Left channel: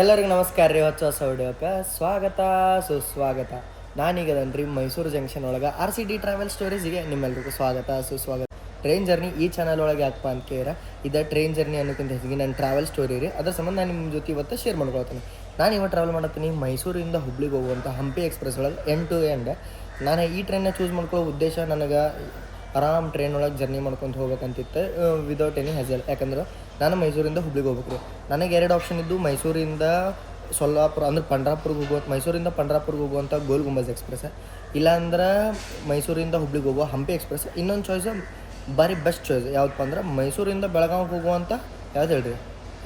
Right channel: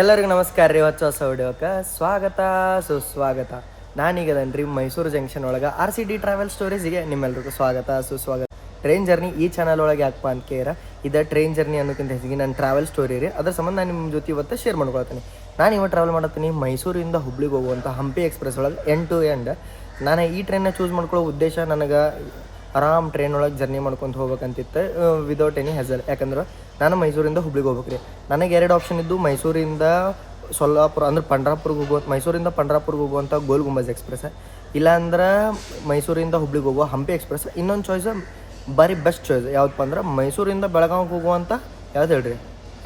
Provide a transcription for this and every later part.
ಎಲ್ಲರಿಗೂ ನಮಸ್ಕಾರ ರೀ ಹೊಸ ಹೊಸ ವಿಡಿಯೋಕ್ಕೆ ಸ್ವಾಗತ, ಸುಸ್ವಾಗತ. ನಾನೀಗದನ್ರಿ ಮೈಸೂರು ಜಂಕ್ಷನ್ ಒಳಗೆ ಆರ್ ಸಿ ಡಿ ಟ್ರಾವೆಲ್ ಸ್ಟೋರೀಸ್ಗೆ ನಿಮ್ಮೆಲ್ಲರಿಗೂ ಸ್ವಾಗತ, ಸುಸ್ವಾಗತ. ಟ್ರೈನ್ ಜರ್ನಿ ಈ ಚಾನಲ್ ಒಳಗೆ ಯಾಕಪ್ಪ ಅಂತ ಕೇರ ಇದು ಟ್ರೈನ್ ಜರ್ನಿ ಅನ್ನೋಕ್ಕಿಂತ ಹೆಚ್ಚಿಗೆ ನನ್ನ ಟ್ರಾವೆಲ್ ಸ್ಟೋರಿ ರೀ. ಅದ್ರ ಸಂಬಂಧ ನಾನು ನಿಮ್ಮ ಜೊತೆ ಇವತ್ತು ಶೇರ್ ಮಾಡ್ಕೊಳ್ತೀನಿ. ನಾನು ಇವತ್ತು ಟ್ರಾವೆಲ್ ಮಾಡತ್ತೀನಿ ಮೈಸೂರಿಂದ ಹುಬ್ಳಿಗೆ ಹೋಗುವಂಥ ಹಂಪಿ ಎಕ್ಸ್ಪ್ರೆಸ್ ಒಳಗೆ ಎಂಡ್ ಟು ಎಂಡ್ ನಾನು ಈ ಟ್ರೈನ್ನ ಚೂಸ್ ಮಾಡ್ಕೊಳ್ಳೋ ಉದ್ದೇಶ ನನಗೆ ಆರಾಮ್ ಟ್ರೈನ್ ಒಳಗೆ ಜರ್ನಿ ಮಾಡ್ಕೊಂಡು ಹೋಗ್ಬೇಕಂತಿತ್ತು ವಿದೌಟ್ ಎನಿ ಹೆಸಲ್ ಯಾಕಂದ್ರೆ ನಾನು ಮೈಸೂರಿಂದ ಹುಬ್ಳಿಗೆ ಹೋಗ್ಬೇಕ್ರಿ ನನಗೆ ಎರಡು ಆಪ್ಷನ್ ಇದ್ದು ಮೈಸೂರಿಂದ ಸೊಲ್ಲಾಪುರ, ಅಂದ್ರೆ ಪಂಡ್ರಾಪುರ್ಗೆ ಹೋಗುವ, ಮೈಸೂರಿಂದ ಪಂಡ್ರಾಪುರ್ಗೆ ಹೋಗುವಂಥ ಗೋಲ್ ಗುಂಬಜ್ ಎಕ್ಸ್ಪ್ರೆಸ್. ಇಲ್ಲಾಂದ್ರೆ ಮೈಸೂರಿಂದ ಹುಬ್ಳಿಗೆ ಹೋಗುವ ಹಂಪಿ ಎಕ್ಸ್ಪ್ರೆಸ್. ಇನ್ನೊಂದು ಚಾಯ್ಸ್ ಭಾರಿ ಬೆಸ್ಟ್ ಚಾಯ್ಸ್ ಯಾವ್ದಪ್ಪ ಅಂದ್ರೆ ಮೈಸೂರಿಂದ ಬೆಳಗಾವಿಗೆ ಹೋಗುವಂಥ ಯಾವ್ದು ಹೇಳ್ರಿ?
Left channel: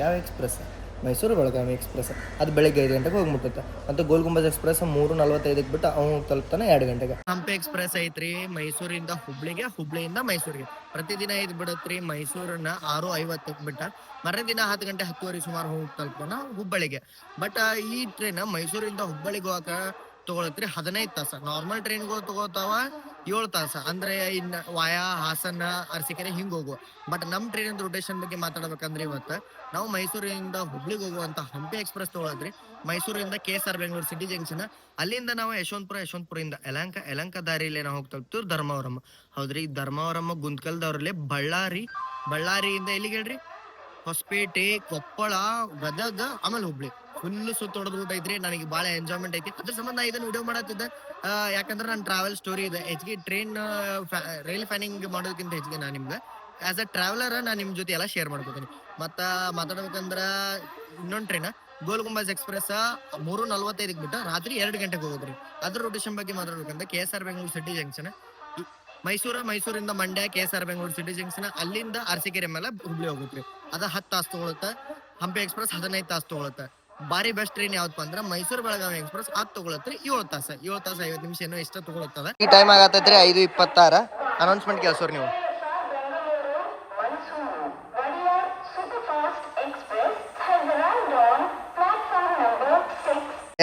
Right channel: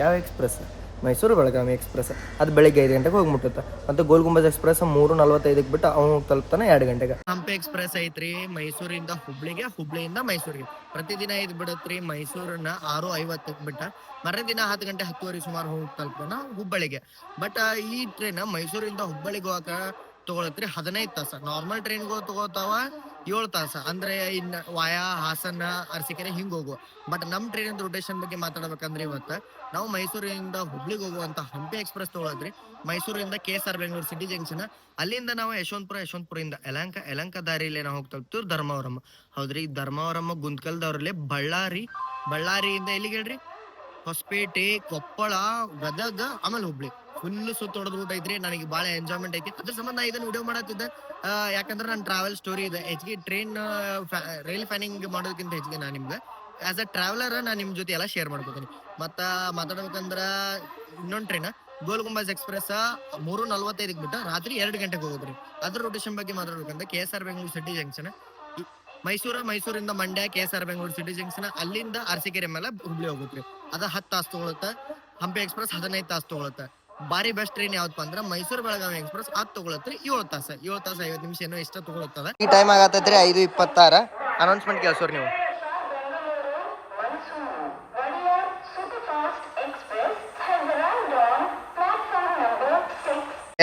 ಯಾವ ಎಕ್ಸ್ಪ್ರೆಸ್? ಮೈಸೂರು ಬೆಳಗಾವಿ ಎಕ್ಸ್ಪ್ರೆಸ್. ಅದು ಬೆಳಿಗ್ಗೆ ಐದು ಗಂಟೆಗೆ ಹೋಗಿ ಮುಟ್ಟುತ್ತೆ ಮತ್ತು ಗೋಲ್ ಗುಂಬಜ್ ಎಕ್ಸ್ಪ್ರೆಸ್ ಮೂರು ನಲ್ವತ್ತೈದಕ್ಕೆ ಬಿಟ್ಟು ಅವನು ತಲುಪ್ತಾನೆ ಎರಡು ಗಂಟೆಗೆ. ಹಂಪಿ ಎಕ್ಸ್ಪ್ರೆಸ್ ಐತ್ರಿ, ಮೈಸೂರಿಂದ ಹುಬ್ಳಿಗೆ, ಹುಬ್ಳಿಯಿಂದ ಮೈಸೂರಿಗೆ. ಪ್ರತಿದಿನ ಇದು ಬಿಡತ್ರಿ, ಮೈಸೂರನ್ನ ಆರು ಐವತ್ತಕ್ಕೆ ಬಿಟ್ಟ ಮರದಿನ ದಿನ ಹತ್ತು ಗಂಟೆ ಹತ್ತುವರೆ ಸುಮಾರು ಹೋಗಿ ತಲುಪನ ಹುಬ್ಬಳ್ಳಿಗೆ. ಬಟ್ ಈ ಟ್ರೈನ್ ಮೈಸೂರಿಂದ ಹುಬ್ಬಳ್ಳಿಗೆ ಹೋಗಾಕ ತಗೊಳತ್ರಿ ಹದಿನೈದು ತಾಸ. ನಾರ್ಮಲ್ ಟ್ರೈನ್ಗಳು ತಗೋತಾವ ಏಳು ತಾಸ. ಅಂದ್ರೆ ಇನ್ನ ವಾಯಾ, ಹಾಸನ, ಅರಸಿಕೆರೆ ಹಿಂಗ್ ಹೋಗುವ ಬಟ್ ನಮ್ ಟ್ರೈನ್ ರೊಟೇಷನ್ ಬಗ್ಗೆ ಮಾತಾಡ್ಬೇಕಂದ್ರೆ ಇವತ್ತ ನಾವು ಮೈಸೂರಿಂದ ಹುಬ್ಳಿಗೆ ಹೋಗುವಂತ ಹಂಪಿ ಎಕ್ಸ್ಪ್ರೆಸ್ ತಗೊಳದ್ರಿ ಮೈಸೂರಿಂದ K S R Bengaluru city junction ಅಲ್ಲಿಂದ ನಾವು ಯಶವಂತಪುರ, ಯಶವಂತಪುರದಿಂದ ಯಲಂಕ ಯಲಂಕ ದಾರಿಯಲ್ಲಿ ನಾವು ಹೋಗ್ತಾ ಹೋಗ್ತೀವಿ ಧರ್ಮವರಮ್ಮ ಹೌದ್ರಿ? ಧರ್ಮವರಮ್ಮ ಗುಂತ್ಕಲ್ದವ್ರಲ್ಲಿ ಬಳ್ಳಾರಿ. ಬಳ್ಳಾರಿಯಿಂದ ಎಲ್ಲಿಗೆ ಹೇಳ್ರಿ? ಹೊಸಪೇಟೆ, ಕೊಪ್ಪಳ, ಗದಗ, ಆಮೇಲೆ ಹುಬ್ಳಿ. ಫುಲ್ ಸುತ್ತೊಡದ್ ರೂಟ್ ಐತ್ರಿ, ನನಗೆ ಬಹಳ ಎಂಜಾಯ್ಮೆಂಟ್ ಐತಿ. ಅದ್ರ ಸಂಬಂಧ ನಾ ಇದನ್ನ ವಿಡಿಯೋ ಮಾಡತ್ತಿದ್ದೆ ಯಾಕಂದ್ರೆ ನನ್ನ ಟ್ರಾವೆಲ್ ಸ್ಟೋರಿ ಇದೆ. ಹೆಚ್ಚಿಗೆ ಟ್ರೈನ್ ರೈಲ್ ಫ್ಯಾನಿಂಗ್ ಮಾಡೋದಕ್ಕಿಂತ ಹೆಚ್ಚಿಗೆ ನಾನು ನಿಮ್ಗೆ. ಆಸ್ ಅ ಟ್ರಾವೆಲರ್ ನಾನು ನಿಮ್ ಜೊತೆ ಎಲ್ಲ ಶೇರ್ ಮಾಡ್ಕೋತೀನಿ. ಮತ್ತ ಮಾತಾಡ್ಬೇಕಂದ್ರ ಇನ್ನೊಂದ್ ಟ್ರೈನ್ ಗೋಲ್ ಗುಂಬಾಜ್ ಎಕ್ಸ್ಪ್ರೆಸ್ ಮೂರು ನಲ್ವತ್ತೈದಕ್ಕೆ ಬಿಟ್ಟು ರಾತ್ರಿ ಎರಡು ಗಂಟೆಗೆ ಹೋಗೋದ್ರಿ. ಅದ್ರ ರೊಟೇಷನ್ ಬಗ್ಗೆ ಮಾತಾಡ್ಬೇಕಂದ್ರೆ K S R Bengaluru city junction Mysuru, ಮೈಸೂರಿಂದ Mandya K S R Bengaluru city junction ಅಲ್ಲಿಂದ ಅರಸೀಕೆರೆ ಮೇಲೆ ಹುಬ್ಳಿ ಹೋಗುತ್ತೆ. ಅದ ಹತ್ತು ತಾಸು ತಗೊಳುತ್ತೆ ಹಂಪಿ ಎಕ್ಸ್ಪ್ರೆಸ್ ಹದಿನೈದು ತಾಸು ತಗೊಳುತ್ತೆ ಬಾರಿ ಬೆಸ್ಟ್ ಟ್ರೈನ್ ಯಾವ್ದಪ್ಪ ಅಂದ್ರೆ ಮೈಸೂರು ಬೆಳಗಾವಿ ಎಕ್ಸ್ಪ್ರೆಸ್ ಅದು ತಗೊಳತ್ರಿ ಏಳು ತಾಸ. ಏಳು ತಾಸ ಐವತ್ತು ನಿಮಿಷ ಏನೋ ಇಷ್ಟ ತಗೊಳತ್ತದ. ಈ ಟೈಮ್ ಆಗತ್ತೈತ್ರಿ ಐದು ಇಪ್ಪತ್ತಾರ. ಅನೌನ್ಸ್ಮೆಂಟ್ ಕೇಳ್ಸೋರ್ ನೀವು.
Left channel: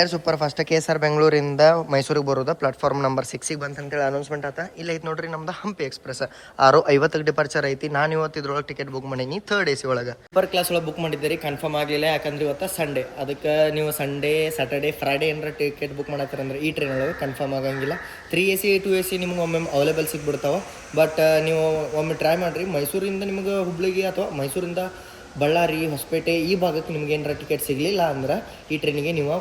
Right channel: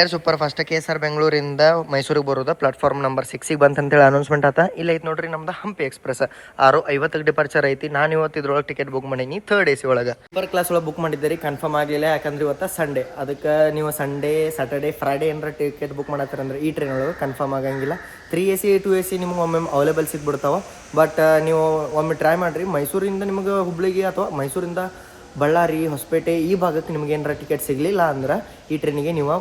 Air super fast K S R ಬೆಂಗಳೂರಿಂದ ಮೈಸೂರಿಗೆ ಬರೋದ. ಪ್ಲಾಟ್ಫಾರ್ಮ್ ನಂಬರ್ ಸಿಕ್ಸಿಗೆ ಬಂತಂತೇಳಿ ಅನೌನ್ಸ್ಮೆಂಟ್ ಆತ. ಇಲ್ಲ ಐತೆ ನೋಡ್ರಿ ನಮ್ದು ಹಂಪಿ ಎಕ್ಸ್ಪ್ರೆಸ್ ಆರು ಐವತ್ತಕ್ಕೆ ಡಿಪಾರ್ಚರ್ ಐತಿ. ನಾನು ಇವತ್ತು ಇದ್ರೊಳಗೆ ಟಿಕೆಟ್ ಬುಕ್ ಮಾಡೀನಿ ಥರ್ಡ್ ಎ ಸಿ ಒಳಗೆ. ಸೂಪರ್ ಕ್ಲಾಸ್ ಒಳಗೆ ಬುಕ್ ಮಾಡಿದ್ದೀರಿ ಕನ್ಫರ್ಮ್ ಆಗಲಿಲ್ಲ. ಯಾಕಂದ್ರೆ ಇವತ್ತು ಸಂಡೇ ಅದಕ್ಕೆ ನೀವು ಸಂಡೇ ಸಾಟರ್ಡೆ ಫ್ರೈಡೇ ಏನಾರ ಟಿಕೆಟ್ ಬುಕ್ ಮಾಡತ್ತಾರಂದ್ರೆ ಈ ಟ್ರೈನ್ ಒಳಗೆ ಕನ್ಫರ್ಮ್ ಆಗಂಗಿಲ್ಲ. Three A C two A C ನಿಮ್ಗೆ ಒಮ್ಮೆ ಅವೈಲೇಬಲ್ ಸಿಗ್ಬಿಡ್ತಾವ. ಬಟ್ ನೀವು ಒಮ್ಮೆ ಟ್ರೈ ಮಾಡಿರಿ. ಮೈಸೂರಿಂದ ನಿಮ್ಗೆ ಹುಬ್ಳಿಗೆ ಅಥವಾ ಮೈಸೂರಿಂದ ಬಳ್ಳಾರಿ, ಹೊಸಪೇಟೆ, ಈ ಭಾಗಕ್ಕೆ ನಿಮ್ಗೆ ಏನಾರ ಟಿಕೆಟ್ ಸಿಗಲಿಲ್ಲ ಅಂದ್ರೆ ಈ ಟ್ರೈನಿಗೆ ನೀವು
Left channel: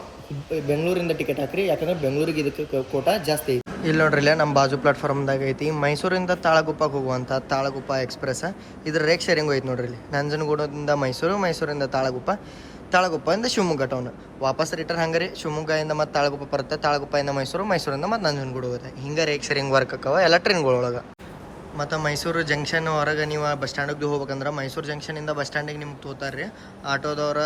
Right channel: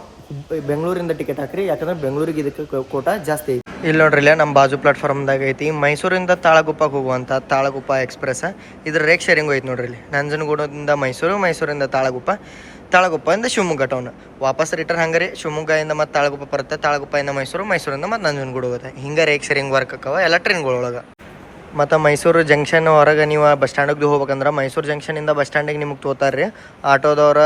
ಬೆಂಗಳೂರಿಂದ ಟಿಕೆಟ್ ಹಾಕ್ರಿ. ಯಾಕಂದ್ರೆ ಬೆಂಗಳೂರಿಗೆ ಇದಕ್ಕೆ ಕೋಟ ಜಾಸ್ತಿ ಐತಿ. ಇಲ್ಲಿ ನೋಡ್ರಿ, ಇಲ್ಲ ನಮ್ಮ ಬಾಜು ಪ್ಲಾಟ್ಫಾರ್ಮ್ದಾಗ ಐತಿ. ಮೈಸೂರಿಂದ ತಾಳಗುಪ್ಪಕ್ಕೆ ಹೋಗುವಂಥ ತಾಳಗುಪ್ಪ ಎಕ್ಸ್ಪ್ರೆಸ್ ಇದ್ರ ರೇಕ್ ಶೇರಿಂಗ್ ಹೋಯ್ತು ನೋಡ್ರಿ ಇಲ್ಲಿ. ನಂಜನಗೂಡದಿಂದ ಮೈಸೂರು, ಮೈಸೂರಿಂದ ತಾಳಗುಪ್ಪ. ತಾಳಗುಪ್ಪದಿಂದ ಶಿವಮೊಗ್ಗ ಟೌನ್ ವಾಪಸ್ ರಿಟರ್ನ್ ಹಂಗಾರಿ ಶಿವಮೊಗ್ಗದಿಂದ ಮತ್ತು ತಾಳಗುಪ್ಪ ಬರುತ್ತೆ. ತಾಳಗುಪ್ಪದಿಂದ ಮೈಸೂರು, ಮೈಸೂರಿಂದ ಮತ್ತು ನಂಜನಗೂಡು ಹೋಗುತ್ತೆ. ಹಿಂಗೆ ರೇಕ್ ಶೇರಿಂಗ್ ವರ್ಕ್ ಆಕವ ಎಲ್ಲ ಟ್ರೈನ್ಗಳೊಳಗೆ ಮತ್ತು ಮೈಸೂರು ಜಂಕ್ಷನ್ ಹೊರಗೆ ನೀವು ಬಸ್ ಸ್ಟ್ಯಾಂಡಿಗೆ ಹೋಗ್ಬೇಕಂದ್ರೆ ಮೈಸೂರು ಜಂಕ್ಷನಿಂದ ಬಸ್ ಸ್ಟ್ಯಾಂಡಿಗೆ ನಿಮಗೆ ತೋತಾರೆ ರೀ ಆಟೋದವ್ರ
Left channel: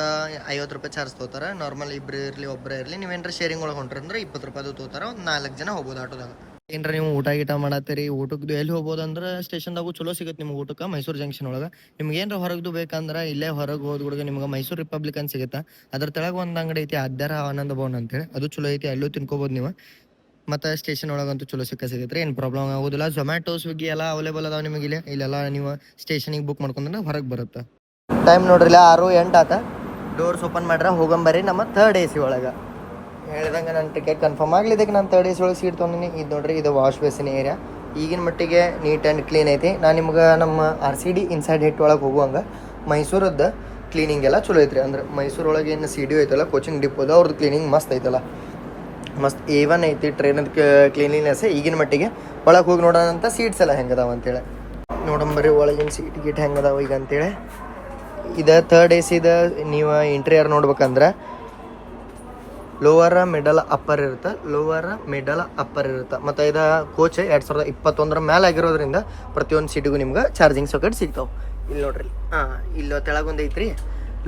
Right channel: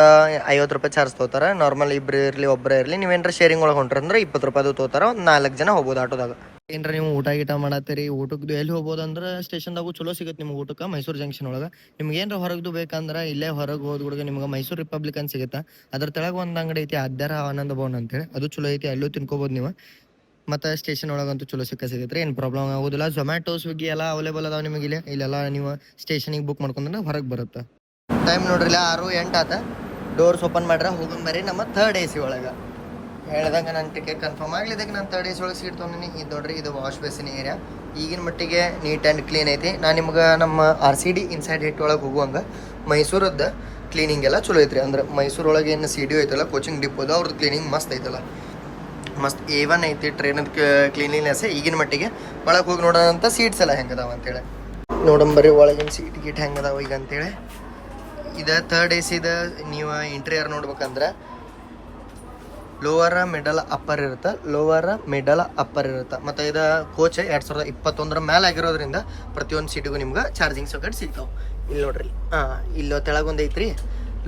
ಐವತ್ತು ರೂಪಾಯಿ ಚಾರ್ಜ್ ತೊಗೋತಾರೆ ನಾರ್ಮಲ್ ಇಬ್ಬರು ಇರಲಿ ಒಬ್ಬರೇ ಇರಲಿ ನೀವೇನರ ಶೇರಿಂಗ್ ಒಳಗೆ ಹೊಂಟ್ರಂದ್ರೆ ಇಪ್ಪತ್ತು ರೂಪಾಯಿ ತೊಗೋತಾರೆ ಒಂದು ನಾಲ್ಕು ಜನ ಹೋಗ್ಬೋದು ಆಟೋದಾಗ. ಏನ್ರ ನೀವು ಊಟ ಗೀಟ ಮಾಡತ್ತೀರಿ ಊಟದ್ದು ಎಲ್ಲಿ ಹೋಗ್ಬೋದು ಅಂದ್ರೆ ಸ್ಟೇಷನ್ದಾಗೂ ಚಲೋ ಸಿಗುತ್ತೆ ನಿಮ್ಗೆ ಊಟಕ್ಕೆ ಮೈಸೂರು ಜಂಕ್ಷನ್ ಒಳಗೆ. ನಿಮ್ಗೆ ಏನರ ಹೊರಗ್ದು ಬೇಕಂದ್ರೆ ಇಲ್ಲೇ ಹೊರಗೆ ಹೋದ್ಗುಡ್ಗೆ ನಿಮ್ಗೆ ಮೈಸೂರು ರಿಪಬ್ಲಿಕ್ ಅಂತ ಸಿಗುತ್ತೆ? ಅದ್ರ ತೆಳಗೆ ಒಂದು ಅಂಗಡಿ ಐತಿ, ಅದ್ಯಾರ ಆನಂದ ಭವನ್ ಅಂತೇಳಿ. ಅದು ಚಲೋ ಐತಿ, ಅಲ್ಲೂ ತಿನ್ಕೋಬೋದು ನೀವು. ಮತ್ತು ಸ್ಟೇಷನ್ ಒಳಗಂತೂ ಚಲೋ ಸಿಕ್ಕ ಸಿಗತ್ತೆ ಏನು ಪ್ರಾಬ್ಲಮ್ ಆಗೋದಿಲ್ಲ. ಝೊಮ್ಯಾಟೊ ಸ್ವಿಗ್ಗಿ ಎಲ್ಲ ಅವೈಲೇಬಲ್ ಅದಾವ ನಿಮಗೆ ಇಲ್ಲಿ. ಇಲ್ಲೆಲ್ಲ ನೀವು ಸ್ಟೇಷನಿಗೆ ಬುಕ್ ಮಾಡ್ಕೊಂಡ್ರೆ ಹೊರಗೆ ಬರುತ್ತೆ. ಟೈಮ್ ನೋಡ್ರಿಲ್ಲ ಆರು ಎಂಟು ಆತ. ಡೋರ್ಸ್ ಓಪನ್ ಮಾಡ್ರೆ ಹೋಗಂಬರಿ ನಮ್ಮ ಥರ್ಡ್ ಎ ಸಿ ಒಳಗೆ. ಹೇಳ್ದಂಗೆ ನನ್ನ ಟಿಕೆಟ್ ಕನ್ಫರ್ಮ್ ಆಗ್ಲಿದ್ದಕ್ಕೆ ನಾನು ಥರ್ಡ್ ಎ ಸಿ ಒಳಗೆ ಸೀಟ್ ತೊಗೊಂಡಿನಿ. ಇದು ನೋಡ್ರಿ, ಇದು ವಾಶ್ ಬೇಸಿನ ಏರಿಯಾ ಈಗಿನ ಮಟ್ಟಿಗೆ ನೀಟ್ ಆ್ಯಂಡ್ ಕ್ಲೀನ್ ಐತಿ. ನಾನು ನಿಮ್ಗೆ ನಮ್ಮ ಆರ್ ಸಿ ಡಿ ಇನ್ಸೈಡ್ ಹೆಟ್ ಒಳಗೆ ಹೋಗುವಂಗೆ, ಮೈಸೂರದ್ದು ಕ್ಲೀನಿಂಗ್ ಎಲ್ಲ ಚಲೋ ಐತ್ರಿ. ಅಂದ್ರೆ ಮೈಸೂರೊಳಗೆ ಏನು ಸಿ ಡಿ ಐತಲ್ಲ ಕೋಚಿಂಗ್ ಡಿಪೋದು ಅವ್ರದ್ದು ಕ್ಲೀನಿಂಗ್ ಮಸ್ತ್ ಐತಲ್ಲ. ಮಸ್ತ್ ಏವನ್ ಐತಿ ಟ್ರೈನದ ಕ್ಲೀನ್ಲಿನೆಸ್ ಈಗಿನ ಮಟ್ಟಿಗೆ. ಒಳಗೆ ಹೋಗಿ ನೋಡೋಣ ಅಂತ ಸೀಟ್ಸ್ ಎಲ್ಲ ಹೆಂಗದಾವ ಅಂತೇಳಿ. ನೋಡಂಬರಿ ಒಳಗಿನ ಸೀಟ್ ಗೀಟ್ ಹೆಂಗದಾವ ಈಗ ಅಂತೇಳಿ. ಇದ ಥರ್ಡ್ ಎ ಸಿದ ನೀವು ಇಂಟೀರಿಯರ್ ನೋಡ್ಬೇಕಂದ್ರೆ ಲೋವರ ಮಿಡಲ್ ಅಪ್ಪರ್ ಇರುತ್ತೆ ಲೋವರ ಮಿಡಲ್ ಅಪ್ಪರ್ ಇರುತ್ತೆ. ಮತ್ತು ಇದು ಕೋಚ್ ಎರಡು ಸಾವಿರದ ಇಪ್ಪತ್ತೊಂದರ ಮೇಲೆ ಆಗಿರೋದ್ರಿಂದ ಪ್ರತಿಯೊಂದು ಸೀಟಿಗೂ ನಿಮ್ಗೆ ಚಾರ್ಜಿಂಗ್ ಸಾಕೆಟ್ ಸಿಗ್ತಾವೆ. ಇಲ್ಲಿ ನೋಡ್ರಿ. ಹಾಂ ಇಲ್ಲಿ ತೆಳಗೊಂದು ಐತ್ರಿ.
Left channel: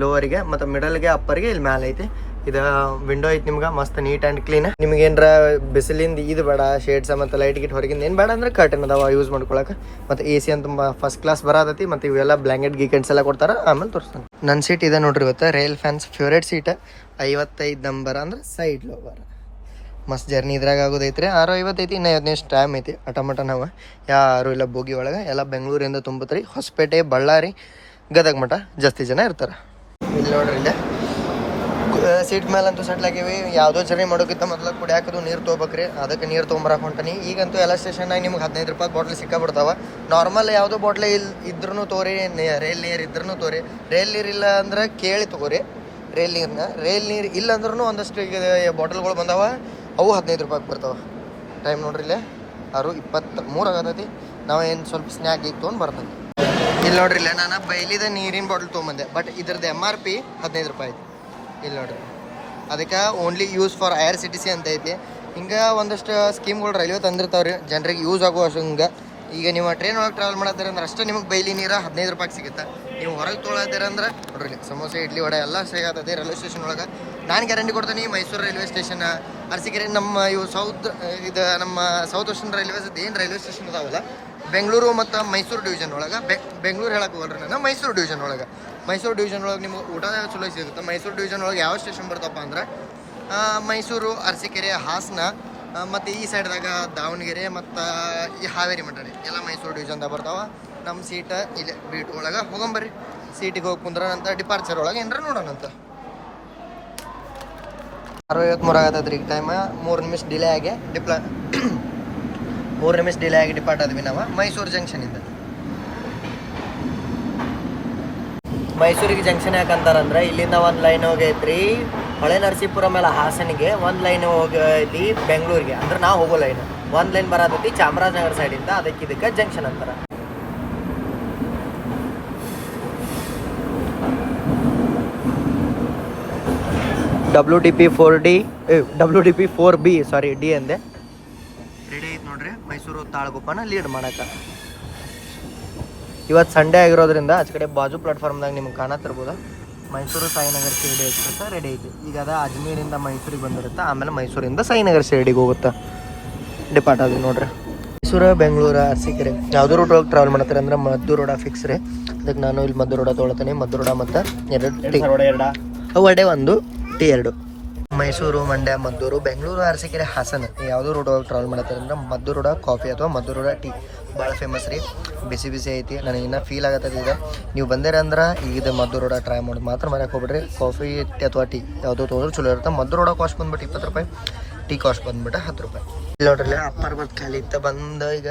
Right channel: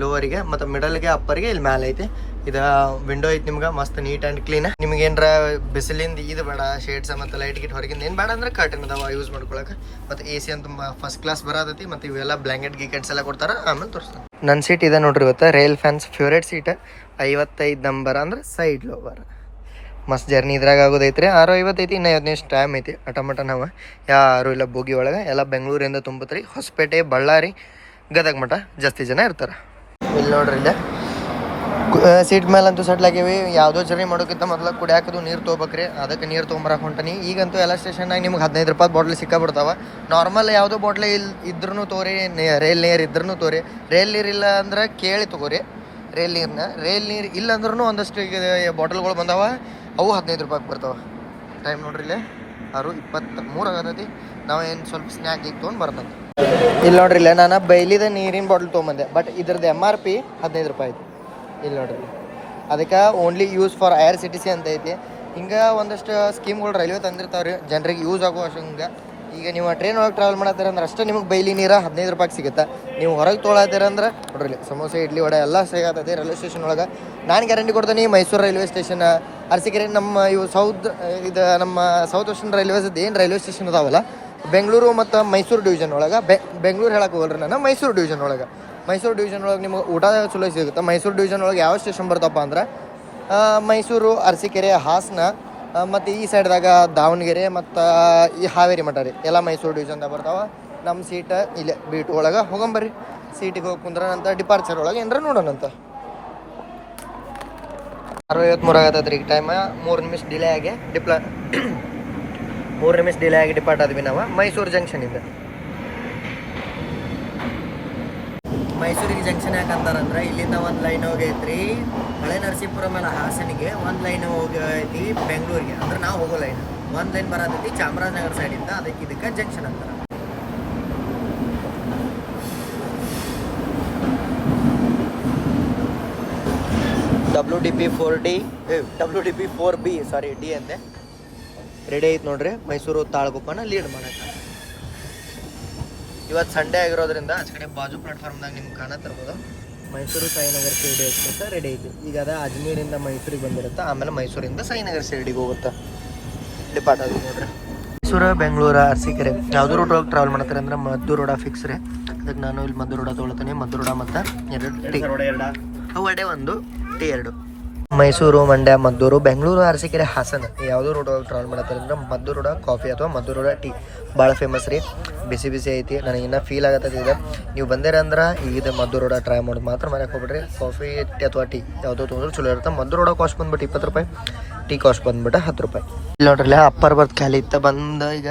ಲೋವರಿಗೆ ಮತ್ತು ಮಿಡಲ್ಗೆ ಅಪ್ಪರ್ಗೆ ಇಲ್ಲಿ ಮ್ಯಾಲ ಐತಿ. ಇದು ವಿಂಡೋ ಐತಿ ನಿಮ್ಗೆ, ಮಸ್ತ್ ನೀಟ್ ಆ್ಯಂಡ್ ಕ್ಲೀನ್ ನಿಮ್ಗೆ ಏನರ ಬಿಸಿಲಿಂದ ಇದು ಬೇಡ ಶೇಡ್ಸ್ ಮತ್ತು ಲೈಟ್ ಗಿಟ್ ಹೊರಗಿಂದ ಏನು ಬೇಡ ಅಂದ್ರೆ ಕರ್ಟನ್ ಅದಾವ ಯೂಸ್ ಮಾಡ್ಕೊಳಕ್ಕೆ ಮತ್ತು ಎ ಸಿ ಅಂತ ಫಸ್ಟ್ ಕ್ಲಾಸ್ ಬರತೈತಿ, ಮತ್ತು ಇವೆಲ್ಲ ಬ್ಲ್ಯಾಂಕೆಟ್ ಗೀಕೆಟ್ಸ್ ಎಲ್ಲ ಕೊಡ್ತಾರೆ, ಆಮೇಲೆ ತೋರಿಸ್ತಾನೆ. ನನ್ನ ಸೀಟ್ ಇದೆ ನೋಡ್ರಿ ಇವತ್ತು ರೈಲ್ ಫ್ಯಾನ್ಸ್ ಫೇವ್ರೇಟ್ ಸೀಟ್ ಐವತ್ತೈದು ನಂಬರ್ ಅಂದ್ರೆ ಸೈಡ್ ಲೋವರ್ ಮಸ್ತ್ ಜರ್ನಿ ಇದ್ರಾಗ ಆಗೋದೈತ್ರಿ ಆರು ಐವತ್ತೈತಿ ಇನ್ನ ಐವತ್ತು ಟೈಮ್ ಐತಿ ಅಟಮಟ ನಾವು. ಯಾರು ಇಲ್ಲ ಬೋಗಿ ಒಳಗೆ, ಎಲ್ಲ ಬೆಂಗಳೂರಿಂದ ತುಂಬತ್ರಿ, ಹೊಸಪೇಟೆ, ಬಳ್ಳಾರಿ, ಗದಗ ಮಠ, ಜಾಸ್ತಿ ಜನ ಇರ್ತಾರೆ. ಇಲ್ಲಿ ನೋಡ್ರಿ ಇಲ್ಲೇ. ಸೀಟ್ ಮೇಲಂತೂ ಸೆಟ್ಲ್ ಆಗಿವಿ. ಯಾವುದೋ ಜರ್ನಿ ಮಾಡೋಕ್ಕಿಂತ ಮೊದಲು ಕುಡಿಯಾಕದು ನೀರು ತೊಗೋಬೇಕ್ರಿ. ಅದಕ್ಕೆ ನೀರು ತೊಗೊಂಬರಕ್ಕೆ ಹೊಂಟನಿ. ಈಗಂತೂ ಎಲ್ಲ ಸ್ಟೇಷನ್ನಾಗ ನಿಮ್ಗೆ ಹದಿನೈದು ರೂಪಾಯಿ ಬಾಟ್ಲಿ ಸಿಕ್ಕಾಬಿಡ್ತಾವೆ. ನಾರ್ಮಲ್ ಯಾವುದೋ ಬಾಟ್ಲಿ ಇಲ್ಲಿ ಇದ್ರೂ ತೋರಿ ರೈಲ್ ನೀರು ಇದ್ರೂ ತೋರಿ. ರೈಲ್ ನೀರು ಇಲ್ಲ ಅಂದ್ರೆ ಕೇಳಿ ತೊಗೋರಿ. ರೈಲ್ ನೀರನ್ನ ರೈಲ್ ನೀರು ಇಲ್ಲ ಅಂದ್ರೂ ಒಂದಷ್ಟು ಬಾಟಲ್ಗಳು ಬಂದಾವ. ಅವು ಹದಿನೈದು ರೂಪಾಯಿಗೆ ಬರ್ತಾವೆ. ಟೈಮ್ ನೋಡ್ರಿ ಇಲ್ಲೇ. ಆರು ಇಪ್ಪತ್ತು ಮೂರು ಆಗತೈತಿ. ನಾವು ಏನು ಸ್ವಲ್ಪ ಸ್ನ್ಯಾಕ್ ಈಗ ತೊಗೊಂಡು ಇಲ್ಲಿ ನೋಡ್ರಿ ಇಲ್ಲ ನಾನು ಬೈಲಿದ ನೀರಿನ ಬಾಟ್ಲ್ ತೊಗೊಂಬಂದೆ. ಬಟ್ ಇದ್ರದ್ದು ಎಂ ಆರ್ ಪಿ ಹದಿನೈದು ರೂಪಾಯಿ ಐತಿ ಇಲ್ಲಿ ನೋಡ್ರಿ. ಅದಕ್ಕೆ only use for I R C T C ಅಂತ ಐತಿ. ಹಿಂಗೆ ಒಂದಷ್ಟು ಸ್ಕೀಮ್ಗಳು ರೈಲ್ವೆ ತಂದಿರ್ತಾವೆ ರೀ ಜನರಿಗೆ ಯೂಸ್ ಆಗೋ ಹಂಗೆ ಈಗ ನೀವು ಟ್ರೈನ್ ಒಳಗೆ ಟ್ರಾವೆಲ್ ಮಾಡತ್ತೀರ ಅಂದ್ರೆ ಅಷ್ಟೇ ನಿಮಗೆ ಬೈಲಿ ನೀರು ಹದಿನೈದು ರೂಪಾಯಿ ಸಿಗುತ್ತೆ? ನೀವು ಹೊರಗೆ ತೊಗೊಳತ್ತೀರ ಅಂದ್ರೆ ನೋಡ್ರಿ ಸಮೋಸೆ, ಇಡ್ಲಿ ವಡೆ ಎಲ್ಲ ಸಿಗತ್ತೈತಿ ರೈಲ್ವೆ ಸ್ಟೇಷನ್ ಒಳಗೆ. ನಾನು ಗ್ಯಾರಂಟಿ ಕೊಡ್ತೀನಿ ಮೈಸೂರು ರೈಲ್ವೆ ಸ್ಟೇಷನ್ ಅರಸಿಕೆರೆ ನಮ್ಮ ಇವು ಸೌತ್, ಇದು ನಮ್ಮ ಸೌತ್ ವೆಸ್ಟರ್ನ್ ರೈಲ್ವೇಸ್ ಏನು ರೈಲ್ವೆ ಸ್ಟೇಷನ್ ಅದಾವಲ್ಲ ಬೆಂಗಳೂರು ಮತ್ತು ಮೈಸೂರು ಡಿವಿಷನ್ ಒಳಗೆ. ಬೆ, ಬೆಂಗಳೂರು ಹೇಳಕ್ಕೆ ಹೋಗಲ್ರಿ ನಾನು, ಮೈಸೂರು ಡಿವಿಷನ್ ಒಳಗೆ. ಮೈಸೂರು ಡಿವಿಷನ್ ಒಳಗೆ ನಿಮ್ಗೆ ಊಟ ಚಲೋ ಸಿಗುತ್ತೆ? ಮೈಸೂರು ಡಿವಿಷನ್ ಒಳಗೆ ಯಾವ ಸ್ಟೇಷನ್ ಬರ್ತಪ್ಪ ಅಂದ್ರೆ ಮೈಸೂರು, ಅರಸೀಕೆರೆ, ಹಾಸನ ಮತ್ತು ಈ ಸೈಡ್ದಾಗ ದಾವಣಗೆರೆ ಮತ್ತು ಈ ಹಾವೇರಿ ಮಠ ರೀ. ಎಲ್ಲ ಮೈಸೂರು ಡಿವಿಷನ್ದಾಗ ಬರ್ತಾವ. ನಮ್ಮ ಸೀಟ ಇಲ್ಲೇ ಬೀಟ್ ಒಳಗೆ ಹೋಗಂಬರ್ರಿ. ಸೀಟಿಗೆ ಹೋಗಿ ಕುಂದ್ರನಂತ ಡಿಪಾರ್ಚರ್ ಒಳಗೆ ಏನಾರ ನೋಡೋಣಂತ ಆಗತ್ತೈತೆ ರೀ ಈಗ ಟೈಮ ಮೂರು ನಿಮಿಷ ಡಿಲೇ ಆಗಿ ಡಿಪ್ಲ ಮೂರು ನಿಮಿಷ ಡಿಲೇ ಆಗಿ ಡಿಪಾರ್ಟ್ ಆದ್ವಿ ನಾವು. ಮೈಸೂರು ಜಂಕ್ಷನಿಂದ ಮೈಸೂರಿಗೆ ಜಂಕ್ಷನ್ ಯಾಕಂತಾರಂದ್ರೆ ಇಲ್ಲಿಂದ ಒಂದು ಲೈನ್ ಹೋಗೈತ್ರಿ ಹೊಳೆ ನರಸೀಪುರ ಮೇಲೆ ಹಾಸನಿಗೆ, ಒಂದು ಲೈನ್ ಹೋಗೈತಿ ಬೆಂಗಳೂರಿಗೆ. ಅಂದ್ರೆ ನಾವು ಹೋಗೋ ಲೈನ್ ಒಂದು ಲೈನ್ ಬರತೈತಿ ಚಾಮರಾಜನಗರ ಸೈಡಿಂದ ಅದಕ್ಕೆ ಇದಕ್ಕೆ ಜಂಕ್ಷನ್ ಅಂತಾರೆ. W D P four D W D P four B sorry D ಅಂದೆ. ರೆಡಿ ಐತೆ ನೋಡ್ರಿ. ಮೈಸೂರು ತಾಳಗುಪ್ಪನ ಲೀಡ್ ಮಾಡಕ. ಇವತ್ತು ಸಂಡೇ ಆಗಿರೋದ್ರಿಂದ ಆಚೆ ಕಡೆ ಬಾಜು ಪ್ಲಾಟ್ಫಾರ್ಮ್ದಾಗ ನಿಮ್ಗೆ ಕಾಣತ್ತಿರ್ಬೋದು ಮೈಸೂರು ಸಾಯಿನಗರ್ ಶಿರಡಿ ಎಕ್ಸ್ಪ್ರೆಸ್ ರೆಡಿ ಐತಿ. ಈಗ ಅದ ಅಜ್ಮೀರಿಂದ ಮೈಸೂರಿಗೆ ಬಂದಿರುತ್ತೆ ಆಮೇಲೆ ಮೈಸೂರಿಂದ ಸಾಯಿನಗರ್ ಶಿರಡಿಗೆ ಹೋಗುತ್ತೆ. ಡಿಪಾರ್ಟ್ ಅದು ನೋಡ್ರಿ. ಮೈಸೂರು ಬೆಂಗಳೂರು ಅರಸೀಕೆರೆ ಯಾವುದೋ ರೂಟ್ ಒಳಗೆ ಟ್ರಾವೆಲ್ ಮಾಡ್ತಾರೆ ಅಂದ್ರೆ ಮದ್ದು ರೋಡ ಫಿಕ್ಸ್ ರೀ. ಅದಕ್ಕೆ ನಾನು ಇಲ್ಲಿ ಮದ್ದು ರೋಡ ತೊಗೊಳ್ತೀನಿ. ಮದ್ದು ರೋಡ ಮತ್ತು ಎರಡು ಟಿ ವಡೆ ಒಂದು ಟಿ ಎರಡು. ಮೈಸೂರು, ಮಂಡ್ಯ, ಮದ್ದೂರು, ಬೆಂಗಳೂರು, ಅರಸೀಕೆರೆ, ಹಾಸನ ಯಾವುದೋ ರೋಡ್ ಒಳಗೆ ಟ್ರಾವೆಲ್ ಮಾಡತ್ತಾರಂದ್ರೆ ಮದ್ದು ರೋಡ ಕಾಫಿ ಅಥವಾ ಮದ್ದು ರೋಡ ಟೀ ಭಾಳ ಫೇಮಸ್ ರೀ. ಬಿಸಿ ಬಿಸಿ ಐತಿ, ನನಗೆ ಇನ್ನೂ ಫೀಲ್ ಆಗತ್ತದ ನೀವು ಬಂದಿರ ಅಂದ್ರೆ ಈಗ ಇದು ಮದ್ದು ರೋಡ ಟ್ರೈ ಮಾಡೋದು ಮಾತ್ರ ಮನೆಗೆ ಹೋಗ್ಬಿಡ್ರಿ. ಕಾಫಿ ಅಥವಾ ಟೀ ಯಾವುದೋ ತೊಗೊಂಡ್ರೆ ಚಲೋ ಇರುತ್ತೆ. ಮದ್ದು ರೋಡ ಕಾಸ್ಟ್ ಬಂದ್ಬಿಟ್ಟು ಇಪ್ಪತ್ತು ರೂಪಾಯಿ ಟೀ ಕಾಸ್ಟ್ ಬಂದ್ಬಿಟ್ಟು ಹತ್ತು ರೂಪಾಯಿ. ಇಲ್ಲಿ ನೋಡ್ರಲ್ಲ ಅಪ್ಪರ್ ಬರ್ತ್ ಖಾಲಿ ಇತ್ತ, ಬಂದು ಈಗ